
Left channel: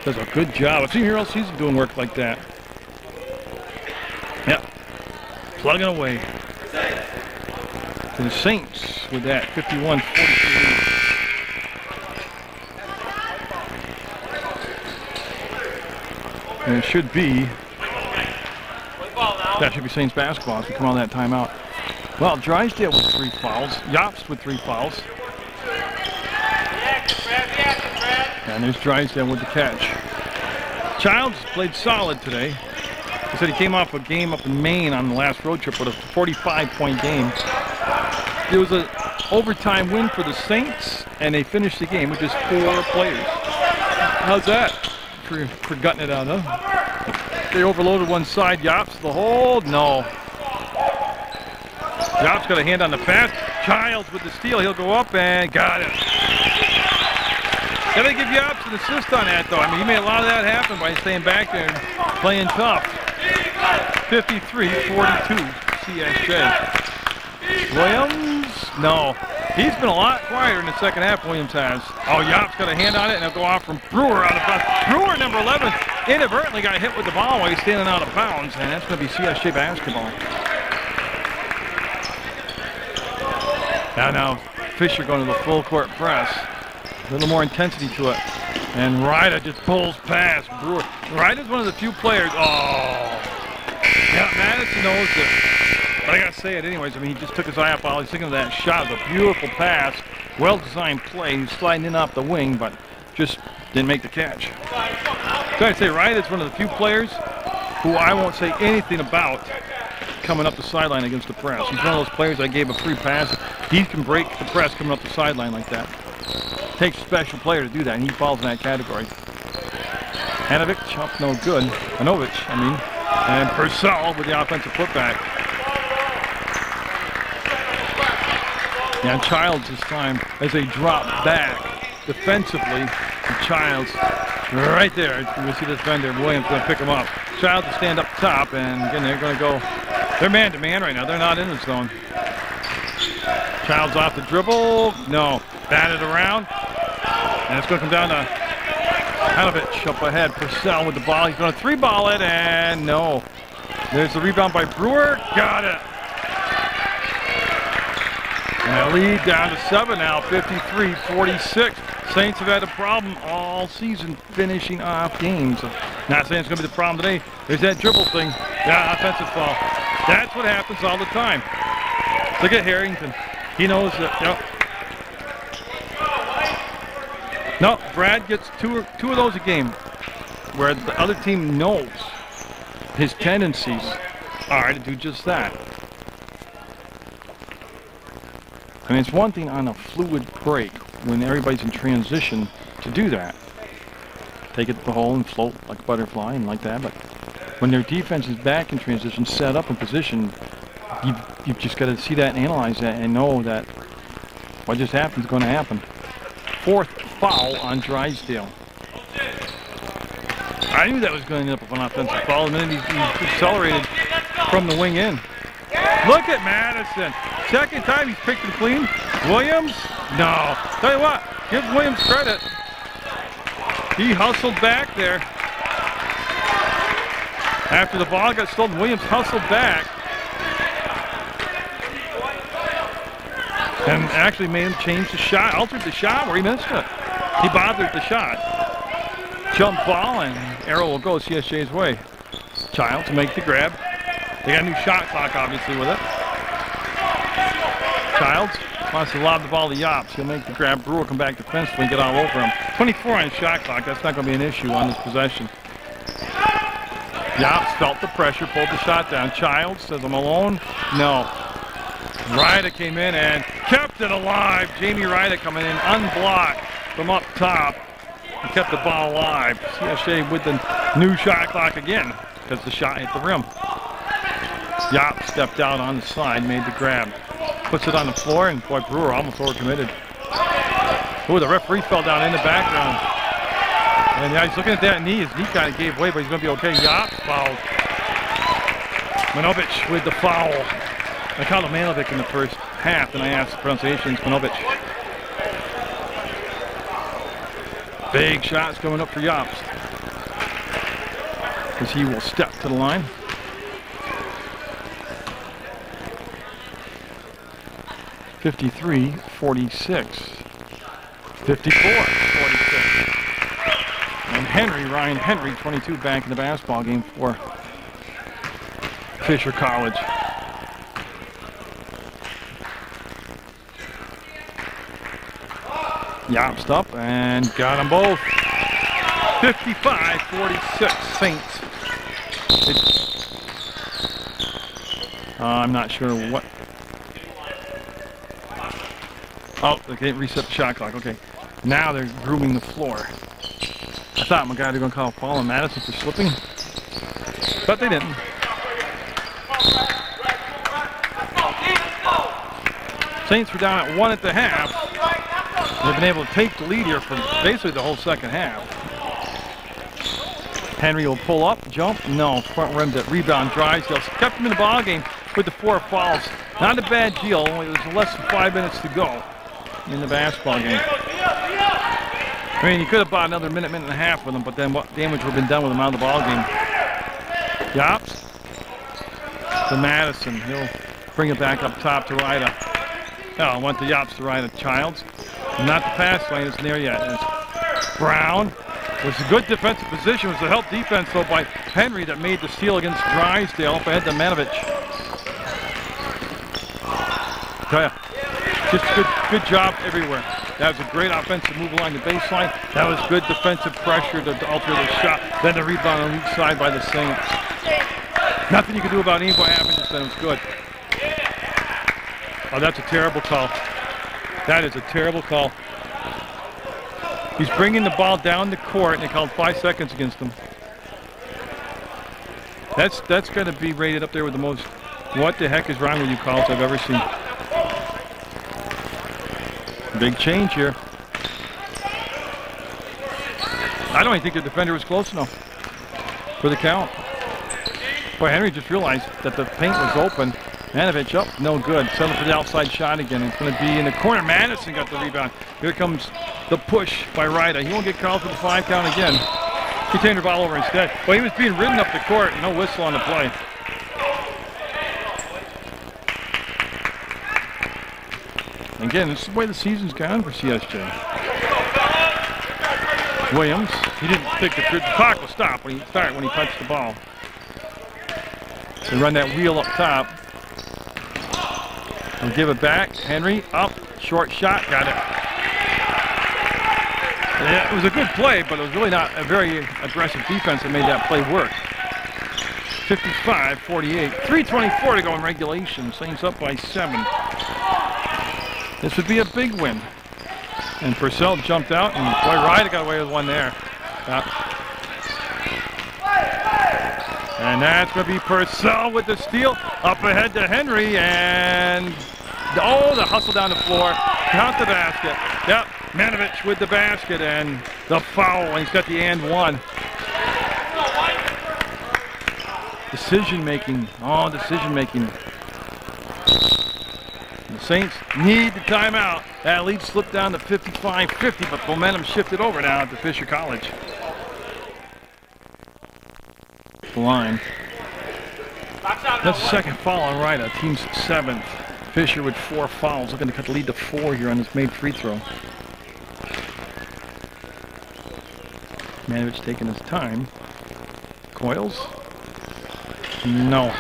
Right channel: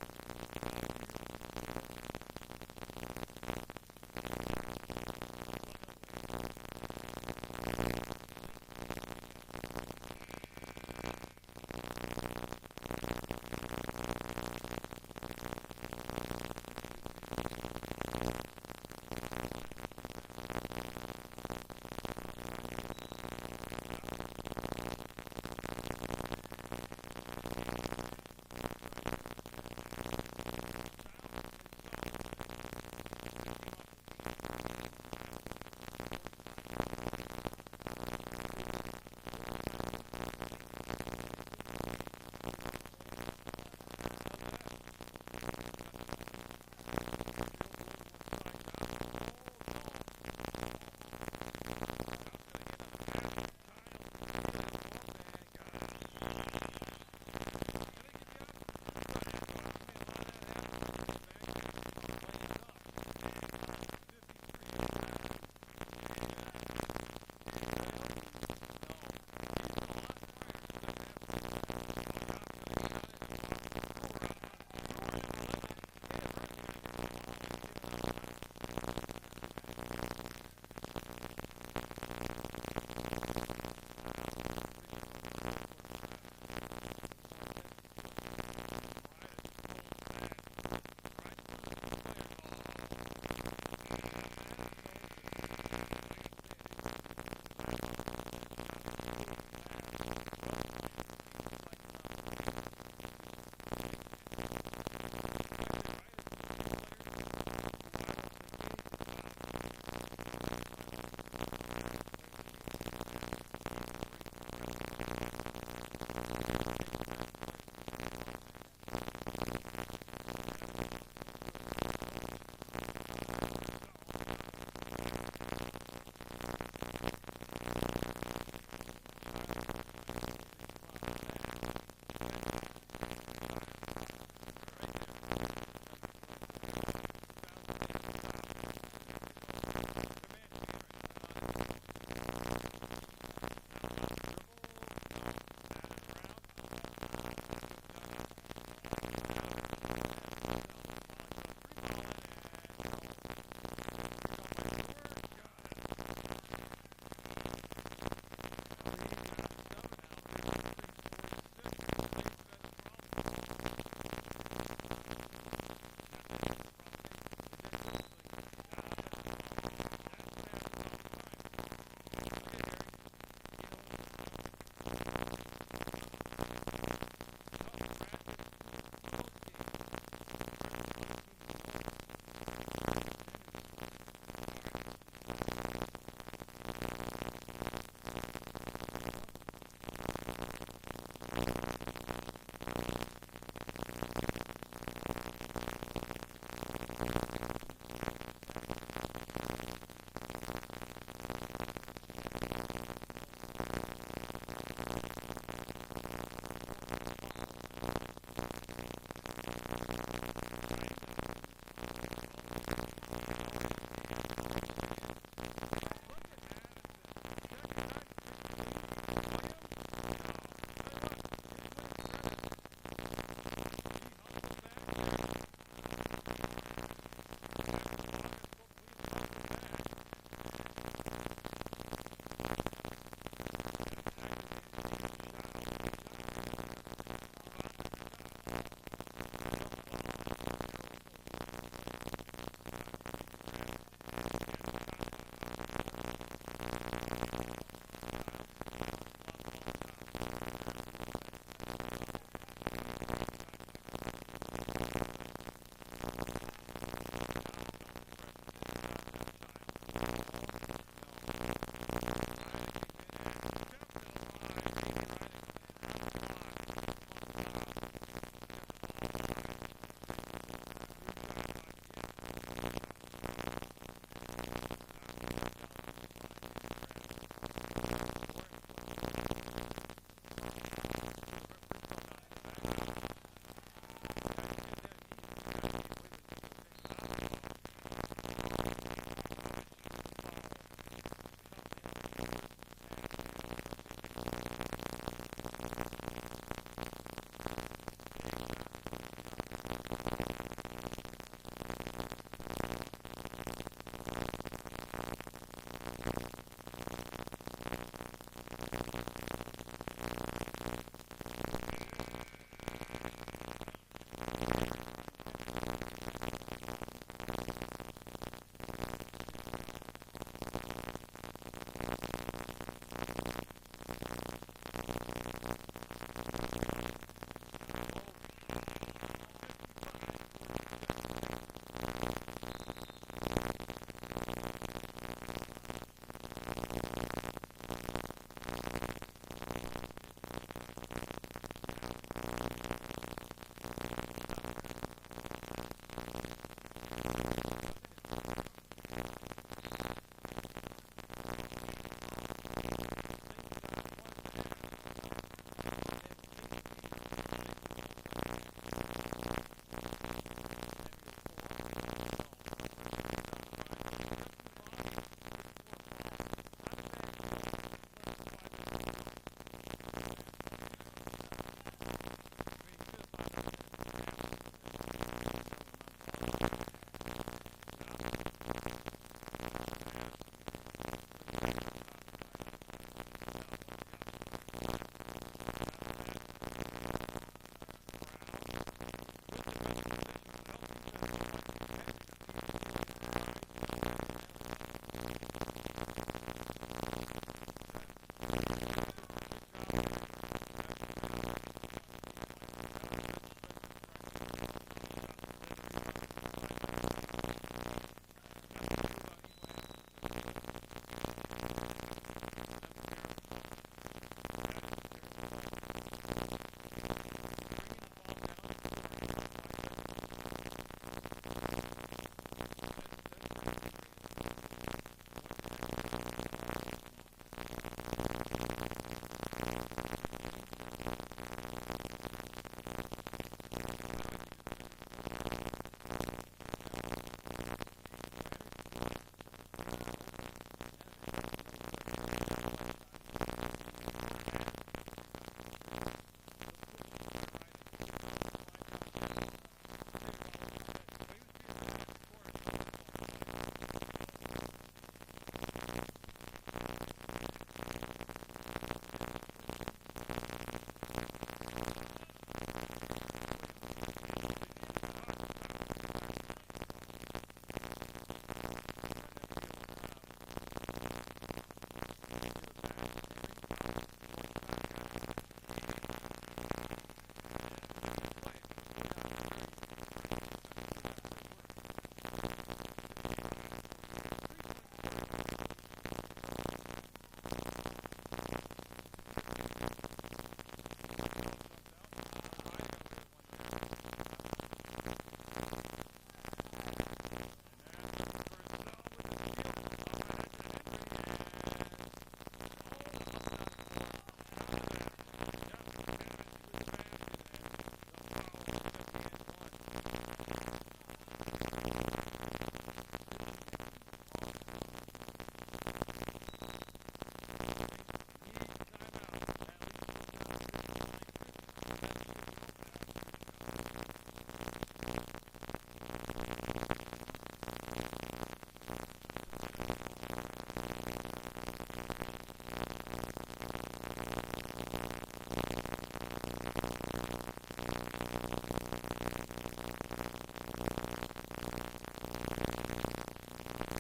Does a good job. I've seen here all season doing work like that. Yep. Plugging away. To the Saints with that 51-43. And it should be, that should be Saints basketball as we come out of that timeout. Well, Drysdale with 3 fouls. Yops with 3 fouls. And there's Drysdale with the catch. Childs played solid today. He said he came off a game up in Maine on the last road trip with a 45-point game. It was an overtime win for the Saints, and they finished the game with just 4 players. How's that for gutting it out, huh? They overloaded one side. Yops the hold? No. Job's got a hand on the pass. Childs with the steal. He'll go up and got it. Gotta give Yops an assist on that, though. I mean, he made a lot of that happen by staying back there and playing tough. 53-42, CSJ. Williams? No. He's been a lot quieter in the second half, Williams has. Oh, Yops got a hand on it, and it'll go off from Brewer out of bounds. Brewer, number 11, inadvertently got hit with the ball while he's standing out of bounds, and that's going to be CSJ basketball. Now, Fisher going to the full court press. A little more intensity to it. And Ryder just pulls past Brewer. Ryder's one of the few players. Oh. Yeah, Madison knows it. But I got to say it anyways. I mean, he just took his eye off all. He's thinking of that shot. It was a beautiful pass. Well-designed play. He's sliding in off the wing, but just didn't make the catch. So I'd say Ryder's one of the few players who I won't say anything about coming up the sideline against the press. He's one of those players I gave a free pass. He can break the press coming up the sideline like that. Takes a special player to do that, and he falls in that category. Hanovic, up no good. Hanovich, I mean. And Purcell with the offensive putback. Yeah, and Childs this time as they drop back defensively. And Childs right there. You can see this defender. Williams going to pick him up. Childs to stand up top, and again, they're going to go. They're man-to-man right now. They're not in the zone. Childs off the dribble. No. Batted around. And it's going to come down to Hanovich up ahead. Purcell with the ball. He's going to three-ball it, and no. There's the rebound by Brewer. Got it. And a lead down to 7 now, 53-46. Saints have had a problem all season finishing off games. Not saying it's going to be the problem today. There's that dribble thing. Yeah, offensive foul. That's what happens all the time. Look at Harrington. He knows that. Yep. No, Brad gets two of those a game, where the other team knows his tendencies are to do just that. I mean, it's one thing on a fluid break when everybody's in transition to do that. Take it to the hole and float like a butterfly and like that. But when their defense is back in transition, set up in position, you've just got to see that and analyze that and know that what just happened is going to happen. Fourth foul on Drysdale. I knew that was going to end up with an offensive foul, and then he accelerated from the wing in. Look at Madison. Second time he's picked it clean. Williams? No. Tell you what, give Williams credit. He hustled back there. After the ball got stolen, Williams hustled back. And actually made him change the shot, altered the shot where he missed it. He bothered the shot. Jump ball, and arrow will go CSJ's way. Child to make the grab. They got a new shot clock, obviously, with it. Childs wants to lob the ball to Yops. He'll make the grab. Brewer come back defensively and get all over him. 24 on the shot clock. That's not going to be an issue on this possession. Yops felt the pressure, pulled the shot down. Childs says, I'm alone. No. Ryder came in and kept it alive. Jamie Ryder coming in unblocked from up top and kept the ball alive. CSJ with the new shot clock again because the shot hit the rim. Yop stepped out on the side, made the grab. Puts it on the floor, and boy, Brewer almost overcommitted. Oh, the referee fell down in the background. And yeah, he's looking at that knee. His knee kind of gave way, but he's going to be okay. Yop fouled. Manovich with the foul. I called him Manovic in the first half, and I asked the pronunciation. It's Manovich. Big shots coming up for Yops, as he will step to the line. (53-46). 54-46. And Ryan Henry, 22, back in the basketball game for Fisher College. Yops up and got them both. 55-46 Saints. I'm not sure what. Oh, they didn't reset the shot clock. Okay. Now they're grooming the floor. I thought my guy was going to call Paul and Madison for slipping, but they didn't. Saints were down at 1 at the half. They've been able to take the lead here for basically the whole second half. Henry will pull up, jump, no, front rimmed it, rebound, Drysdale. Kept him in the ball game with the 4 fouls. Not a bad deal, it was less than 5 minutes to go in the basketball game. I mean, you could have bought another minute and a half with him, but then what damage would have been done with him out of the ball game. Yops to Madison. He'll bring it back up top to Ryder. Oh, went to Yops to Ryder. Childs. Not the pass lane. It's near yet. It's Brown. It was a good defensive position. It was a help defense, though, by Henry that made the steal against Drysdale up ahead to Manovich. Tell ya, just good job everywhere. That was a great offensive move along the baseline. That was good defensive pressure to alter the shot. Then the rebound on each side by the Saints. Nothing you could do about any what happened just then. It was good. Oh, that's a terrible call. That is a terrible call. He's bringing the ball down the court, and they called 5 seconds against him. That's going to be rated up there with the most "what the heck is wrong with you" calls I've ever seen. Big change here. I don't even think the defender was close enough for the count. Boy, Henry just realized that the paint was open. Manovich up, no good. Settled for the outside shot again. It's going to be in the corner. Madison got the rebound. Here comes the push by Ryder. He won't get called for the 5 count again. He turned the ball over instead. Well, he was being ridden up the court. No whistle on the play. Again, this is the way the season's gone for CSJ. Williams, he didn't think the clock will stop when he touched the ball. They run that wheel up top. And give it back. Henry up, short shot, got it. Yeah, it was a good play, but it was really not a very aggressive defense that made that play work. 55-48, 3:24 to go in regulation. Saints up by 7. This would be a big win. And Purcell jumped out, and boy, Ryder got away with one there. And that's going to be Purcell with the steal. Up ahead to Henry, and oh, the hustle down the floor. Count the basket. Yep, Manovich with the basket, and the foul, and he's got the and one. Decision making. Oh, decision making. The Saints need the timeout. That lead slipped down to 55-50, but momentum shifted over now to Fisher College. The line. That's the second foul on Ryder. Team's 7th. Fisher with 4 fouls, looking to cut the lead to 4 here on this made free throw. Manovich taking his time. Coils? No.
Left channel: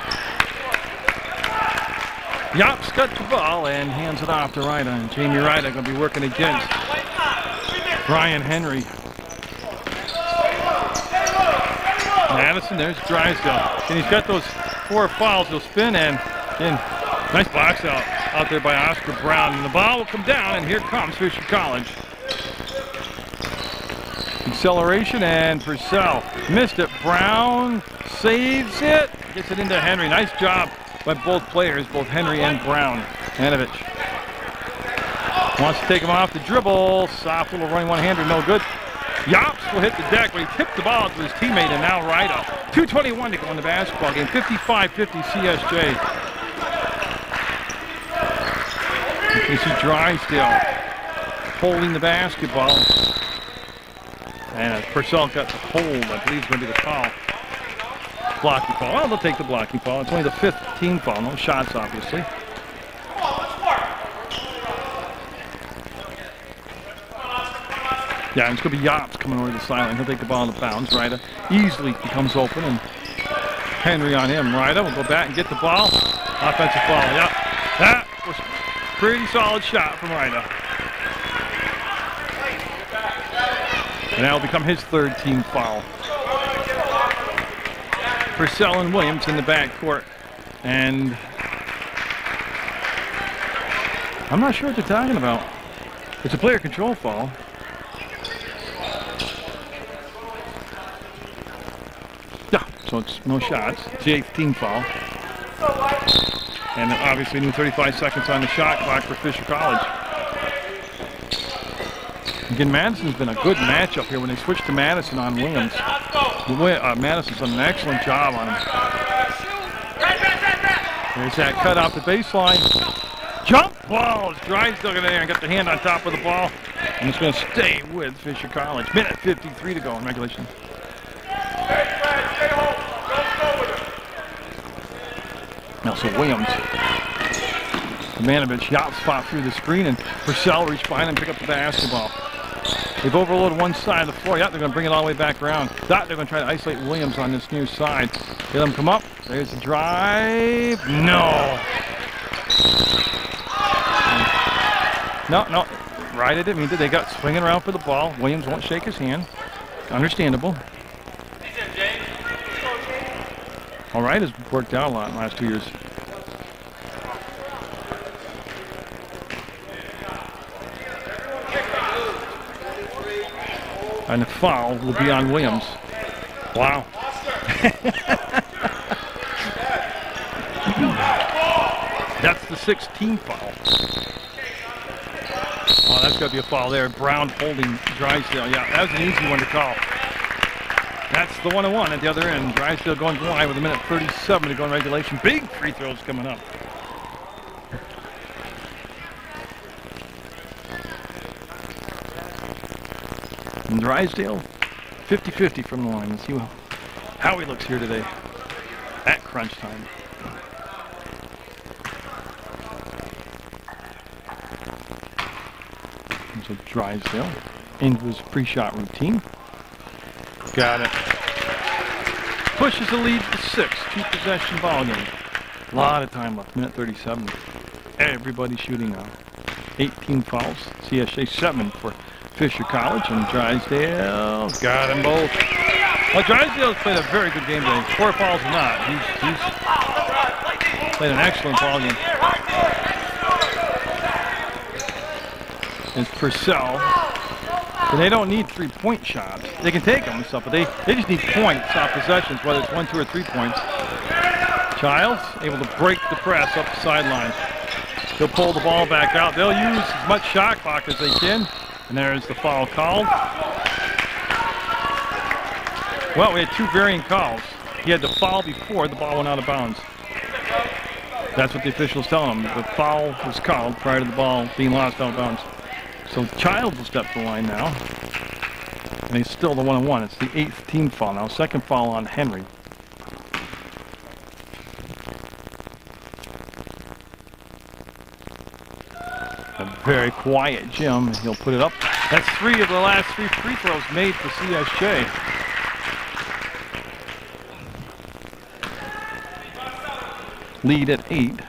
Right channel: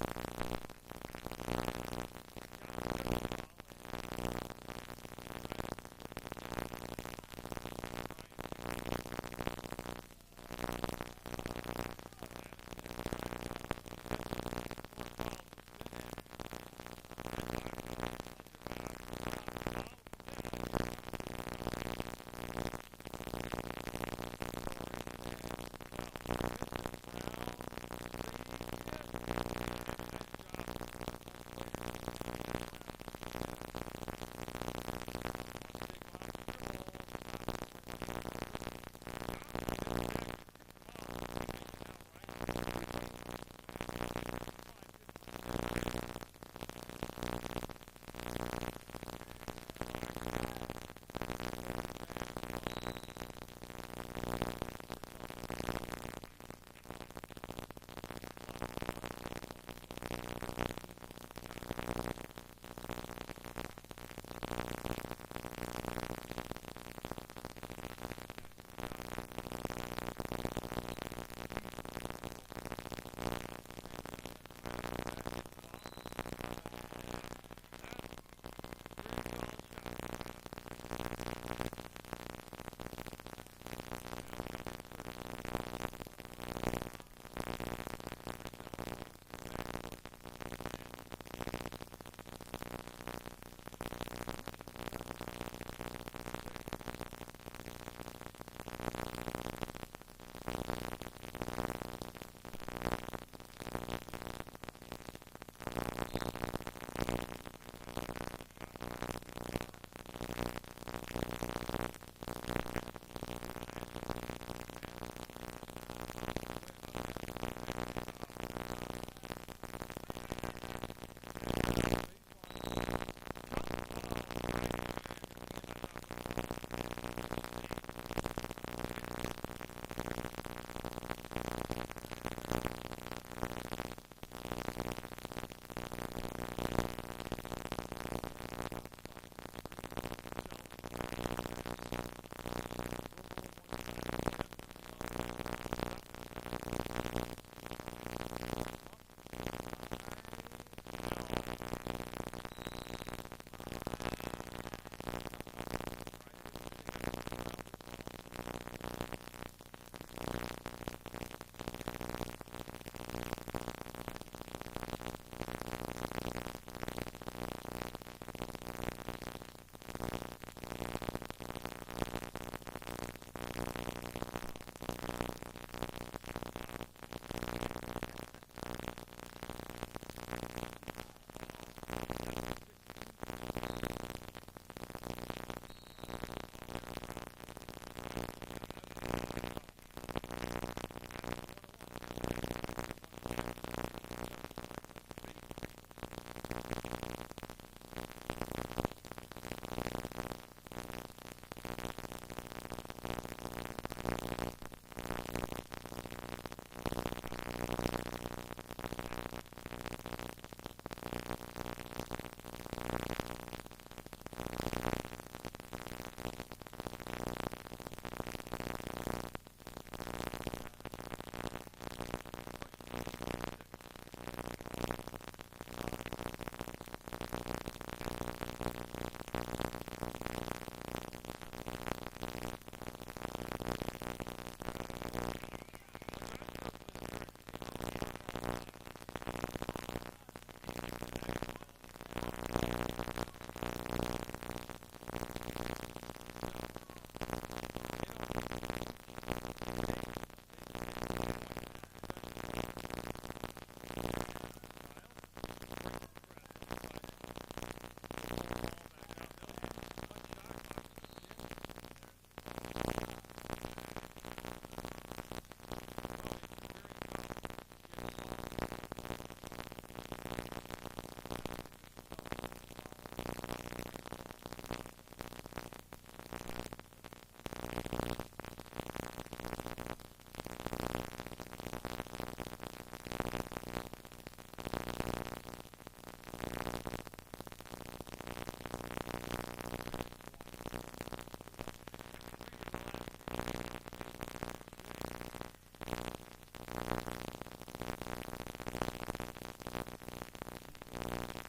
Yops got the ball and hands it off to Ryder. And Jamie Ryder going to be working against Brian Henry. Madison, there's Drysdale. And he's got those 4 fouls. He'll spin and nice box out there by Oscar Brown. And the ball will come down, and here comes Fisher College. Acceleration, and Purcell missed it. Brown saves it. Gets it into Henry. Nice job by both players, both Henry and Brown. Manovich wants to take him off the dribble. Soft little running one-hander, no good. Yops will hit the deck, but he tipped the ball to his teammate, and now Ryder. 2:21 to go in the basketball game. 55-50 CSJ. You see Drysdale holding the basketball. And Purcell got the hold. I believe it's going to be the foul. Blocking foul. Well, they'll take the blocking foul. It's only the 5th team foul. No shots, obviously. Yeah, and it's going to be Yops coming over the sideline. He'll take the ball in the bounds. Ryder easily becomes open, and Henry on him. Ryder will go back and get the ball. Offensive foul. Yep. That was a pretty solid shot from Ryder. And that will become his 3rd team foul. Purcell and Williams in the backcourt. And I'm not sure what they're talking about. It's a player control foul. Yeah, so it's no shots. It's the 8th team foul. And then obviously new 35 seconds on the shot clock for Fisher College. Again, Madison's been a good matchup here when they switched to Madison on Williams. Madison's done an excellent job on him. There's that cut off the baseline. Jump balls. Drysdale got in there and got the hand on top of the ball. And it's going to stay with Fisher College. Minute 53 to go in regulation. Now so Williams. Kamanovich, Yop spot through the screen, and Purcell reached behind and pick up the basketball. They've overloaded one side of the floor. Yep, they're going to bring it all the way back around. They're going to try to isolate Williams on this near side. Let him come up. There's the drive. No. No. Right, I didn't mean to. They got swinging around for the ball. Williams won't shake his hand. Understandable. All right, has worked out a lot in the last 2 years. And the foul will be on Williams. Wow. That's the 16th foul. Oh, that's got to be a foul there. Brown holding Drysdale. Yeah, that was an easy one to call. That's the 1-1 at the other end. Drysdale going wide with a minute 37 to go in regulation. Big free throws coming up. And Drysdale, 50-50 from the line. Let's see how he looks here today at crunch time. And so Drysdale into his pre-shot routine. Got it. Pushes the lead to 6. 2-possession ball game. A lot of time left. Minute 37. Everybody's shooting now. 18 fouls. CSJ 7 for Fisher College, and Drysdale got them both. Well, Drysdale's played a very good game today. 4 fouls or not. He's played an excellent ball game. It's Purcell. And they don't need 3-point shots. They can take them and stuff, but they just need points off possessions, whether it's 1, 2, or 3 points. Childs able to break the press up the sideline. They'll pull the ball back out. They'll use as much shot clock as they can. And there's the foul called. Well, we had 2 varying calls. He had the foul before the ball went out of bounds. That's what the officials tell him. The foul was called prior to the ball being lost out of bounds. So Childs will step to the line now. And he's still the 1-1. It's the 8th team foul now. 2nd foul on Henry. A very quiet Jim. He'll put it up. That's 3 of the last 3 free throws made for CSJ. Lead at 8.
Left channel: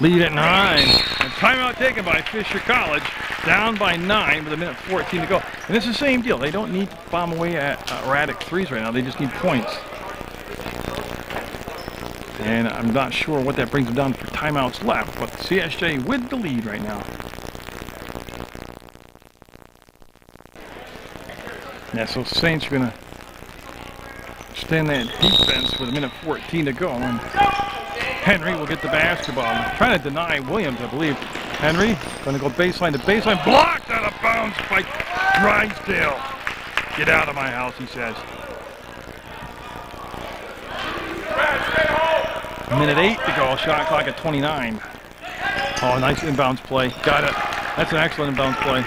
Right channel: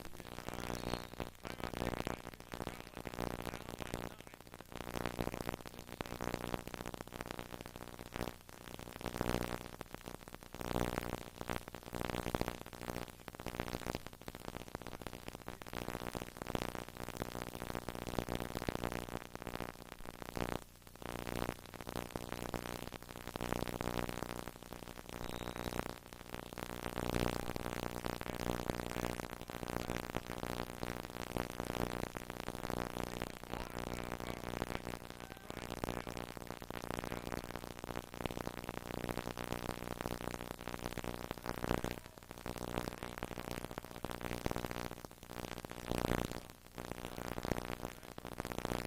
Lead at 9. And timeout taken by Fisher College. Down by 9 with a minute 14 to go. And it's the same deal. They don't need to bomb away at erratic threes right now. They just need points. And I'm not sure what that brings them down for timeouts left, but CSJ with the lead right now. Yeah, so Saints are going to stay in that defense with a minute 14 to go. And Henry will get the basketball. Trying to deny Williams, I believe. Henry going to go baseline to baseline. Blocked out of bounds by Drysdale. Get out of my house, he says. Minute 8 to go. Shot clock at 29. Oh, nice inbounds play. Got it. That's an excellent inbounds play.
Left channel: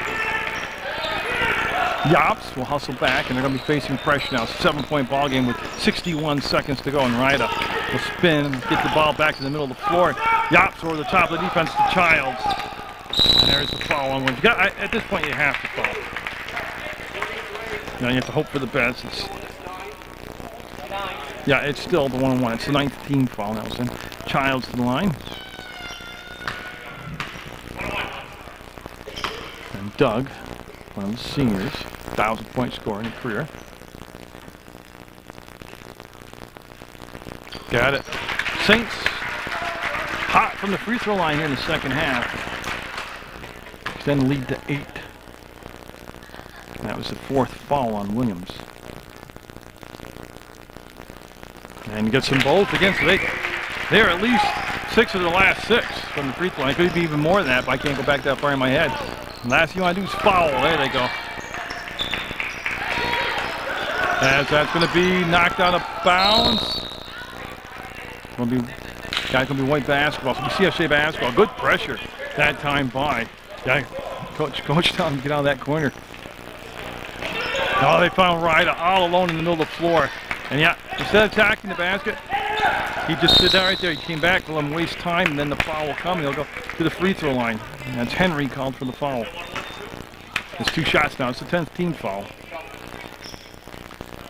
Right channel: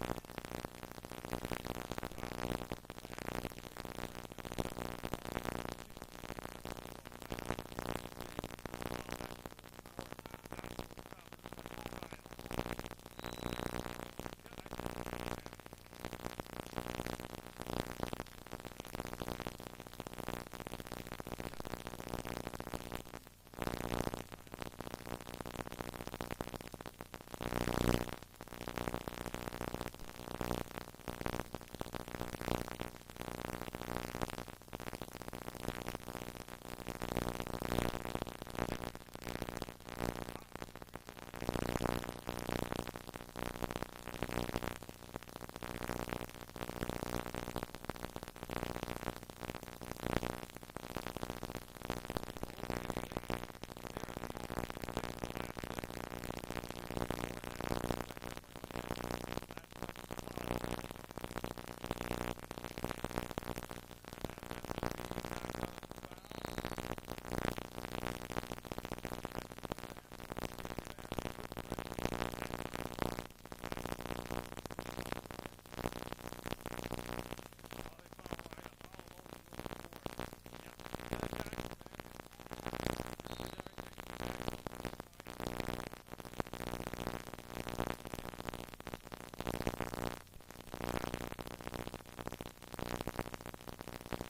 Yops will hustle back, and they're going to be facing pressure now. 7-point ball game with 61 seconds to go, and Ryder will spin, get the ball back to the middle of the floor. Yops over the top of the defense to Childs. And there's the foul on one. At this point, you have to foul. Now you have to hope for the best. Yeah, it's still the 1-1. It's the 9th team foul now. So Childs to the line. And Doug, one of the seniors, 1,000-point scorer in his career. Got it. Saints hot from the free throw line here in the second half. Then lead to 8. That was the 4th foul on Williams. And gets them both again, so they're at least 6 of the last 6 from the free throw line. It could be even more than that, but I can't go back that far in my head. And last thing you want to do is foul. There they go. As that's going to be knocked out of bounds. Guy's going to be white basketball. So we CSJ basketball. Good pressure that time by. Yeah, Coach telling him to get out of that corner. Oh, they found Ryder all alone in the middle of the floor. And yeah, instead of attacking the basket, he just stood there right there. He came back to let him waste time, and then the foul will come. He'll go to the free throw line. And that's Henry called for the foul. It's 2 shots now. It's the 10th team foul.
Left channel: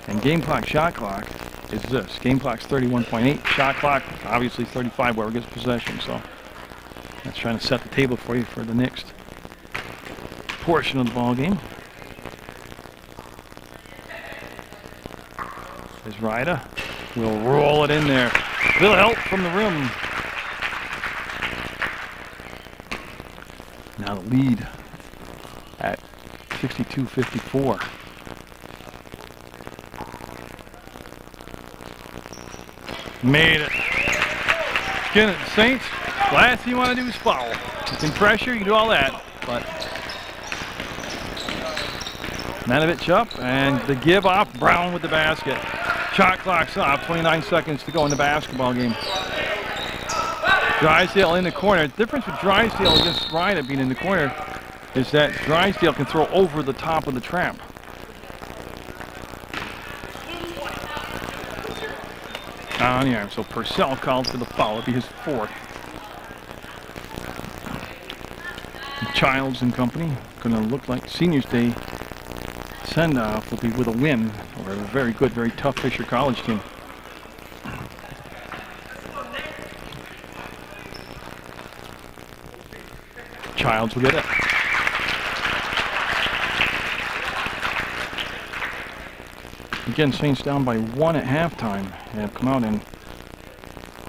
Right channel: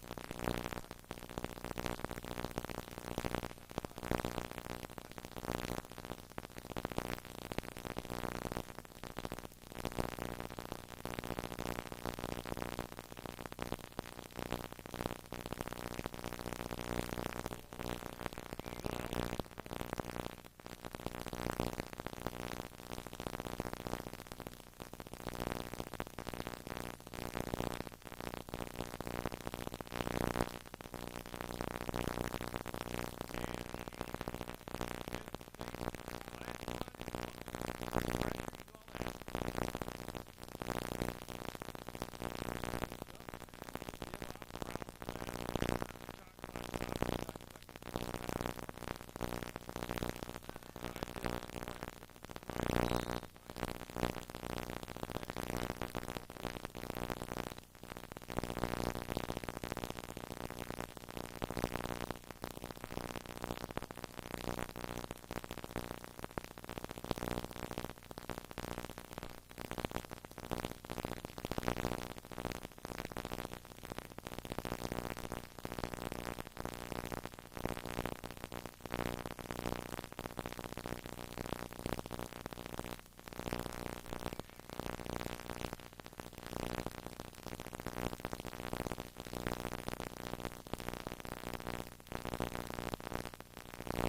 And game clock, shot clock is this. Game clock's 31.8. Shot clock, obviously 35, whoever gets possession. So that's trying to set the table for you for the next portion of the ball game. There's Ryder. We'll roll it in there. Little help from the rim. Now the lead at 62-54. Made it. Again, the Saints, last thing you want to do is foul. You can pressure, you can do all that, but Manovich up, and the give off, Brown with the basket. Shot clock's off, 29 seconds to go in the basketball game. Drysdale in the corner. The difference with Drysdale against Ryder being in the corner is that Drysdale can throw over the top of the trap. On the arm, so Purcell called for the foul. It'll be his 4th. Childs and company, gonna look like Seniors Day send-off will be with a win over a very good, very tough Fisher College team. Childs will get it. Again, Saints down by 1 at halftime and have come out and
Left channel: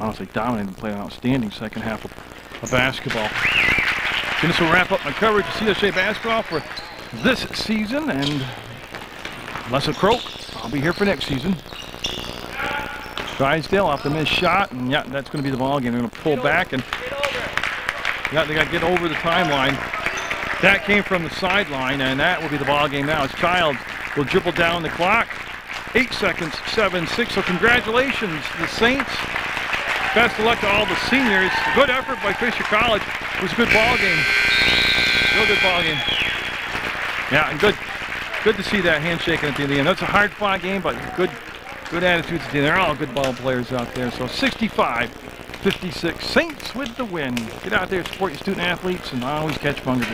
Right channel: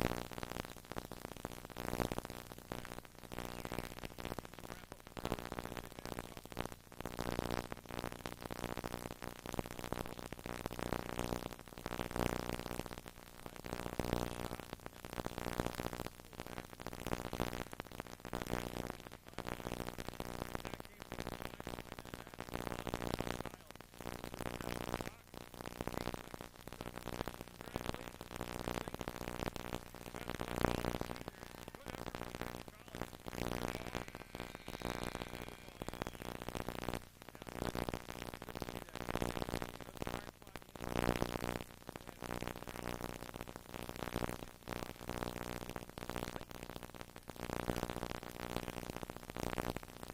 honestly dominated and played an outstanding second half of basketball. This will wrap up my coverage of CSJ basketball for this season, and unless a croak, I'll be here for next season. Drysdale off the missed shot, and yeah, that's going to be the ball game. They're going to pull back, and yeah, they got to get over the timeline. That came from the sideline, and that will be the ball game now. As Childs will dribble down the clock. 8 seconds, 7, 6. So congratulations to the Saints. Best of luck to all the seniors. Good effort by Fisher College. It was a good ball game. Real good ball game. Yeah, and good to see that handshaking at the end of the end. That's a hard-fought game, but good attitudes at the end. They're all good ball players out there. So 65-56, Saints with the win. Get out there, support your student athletes, and always catch Munger.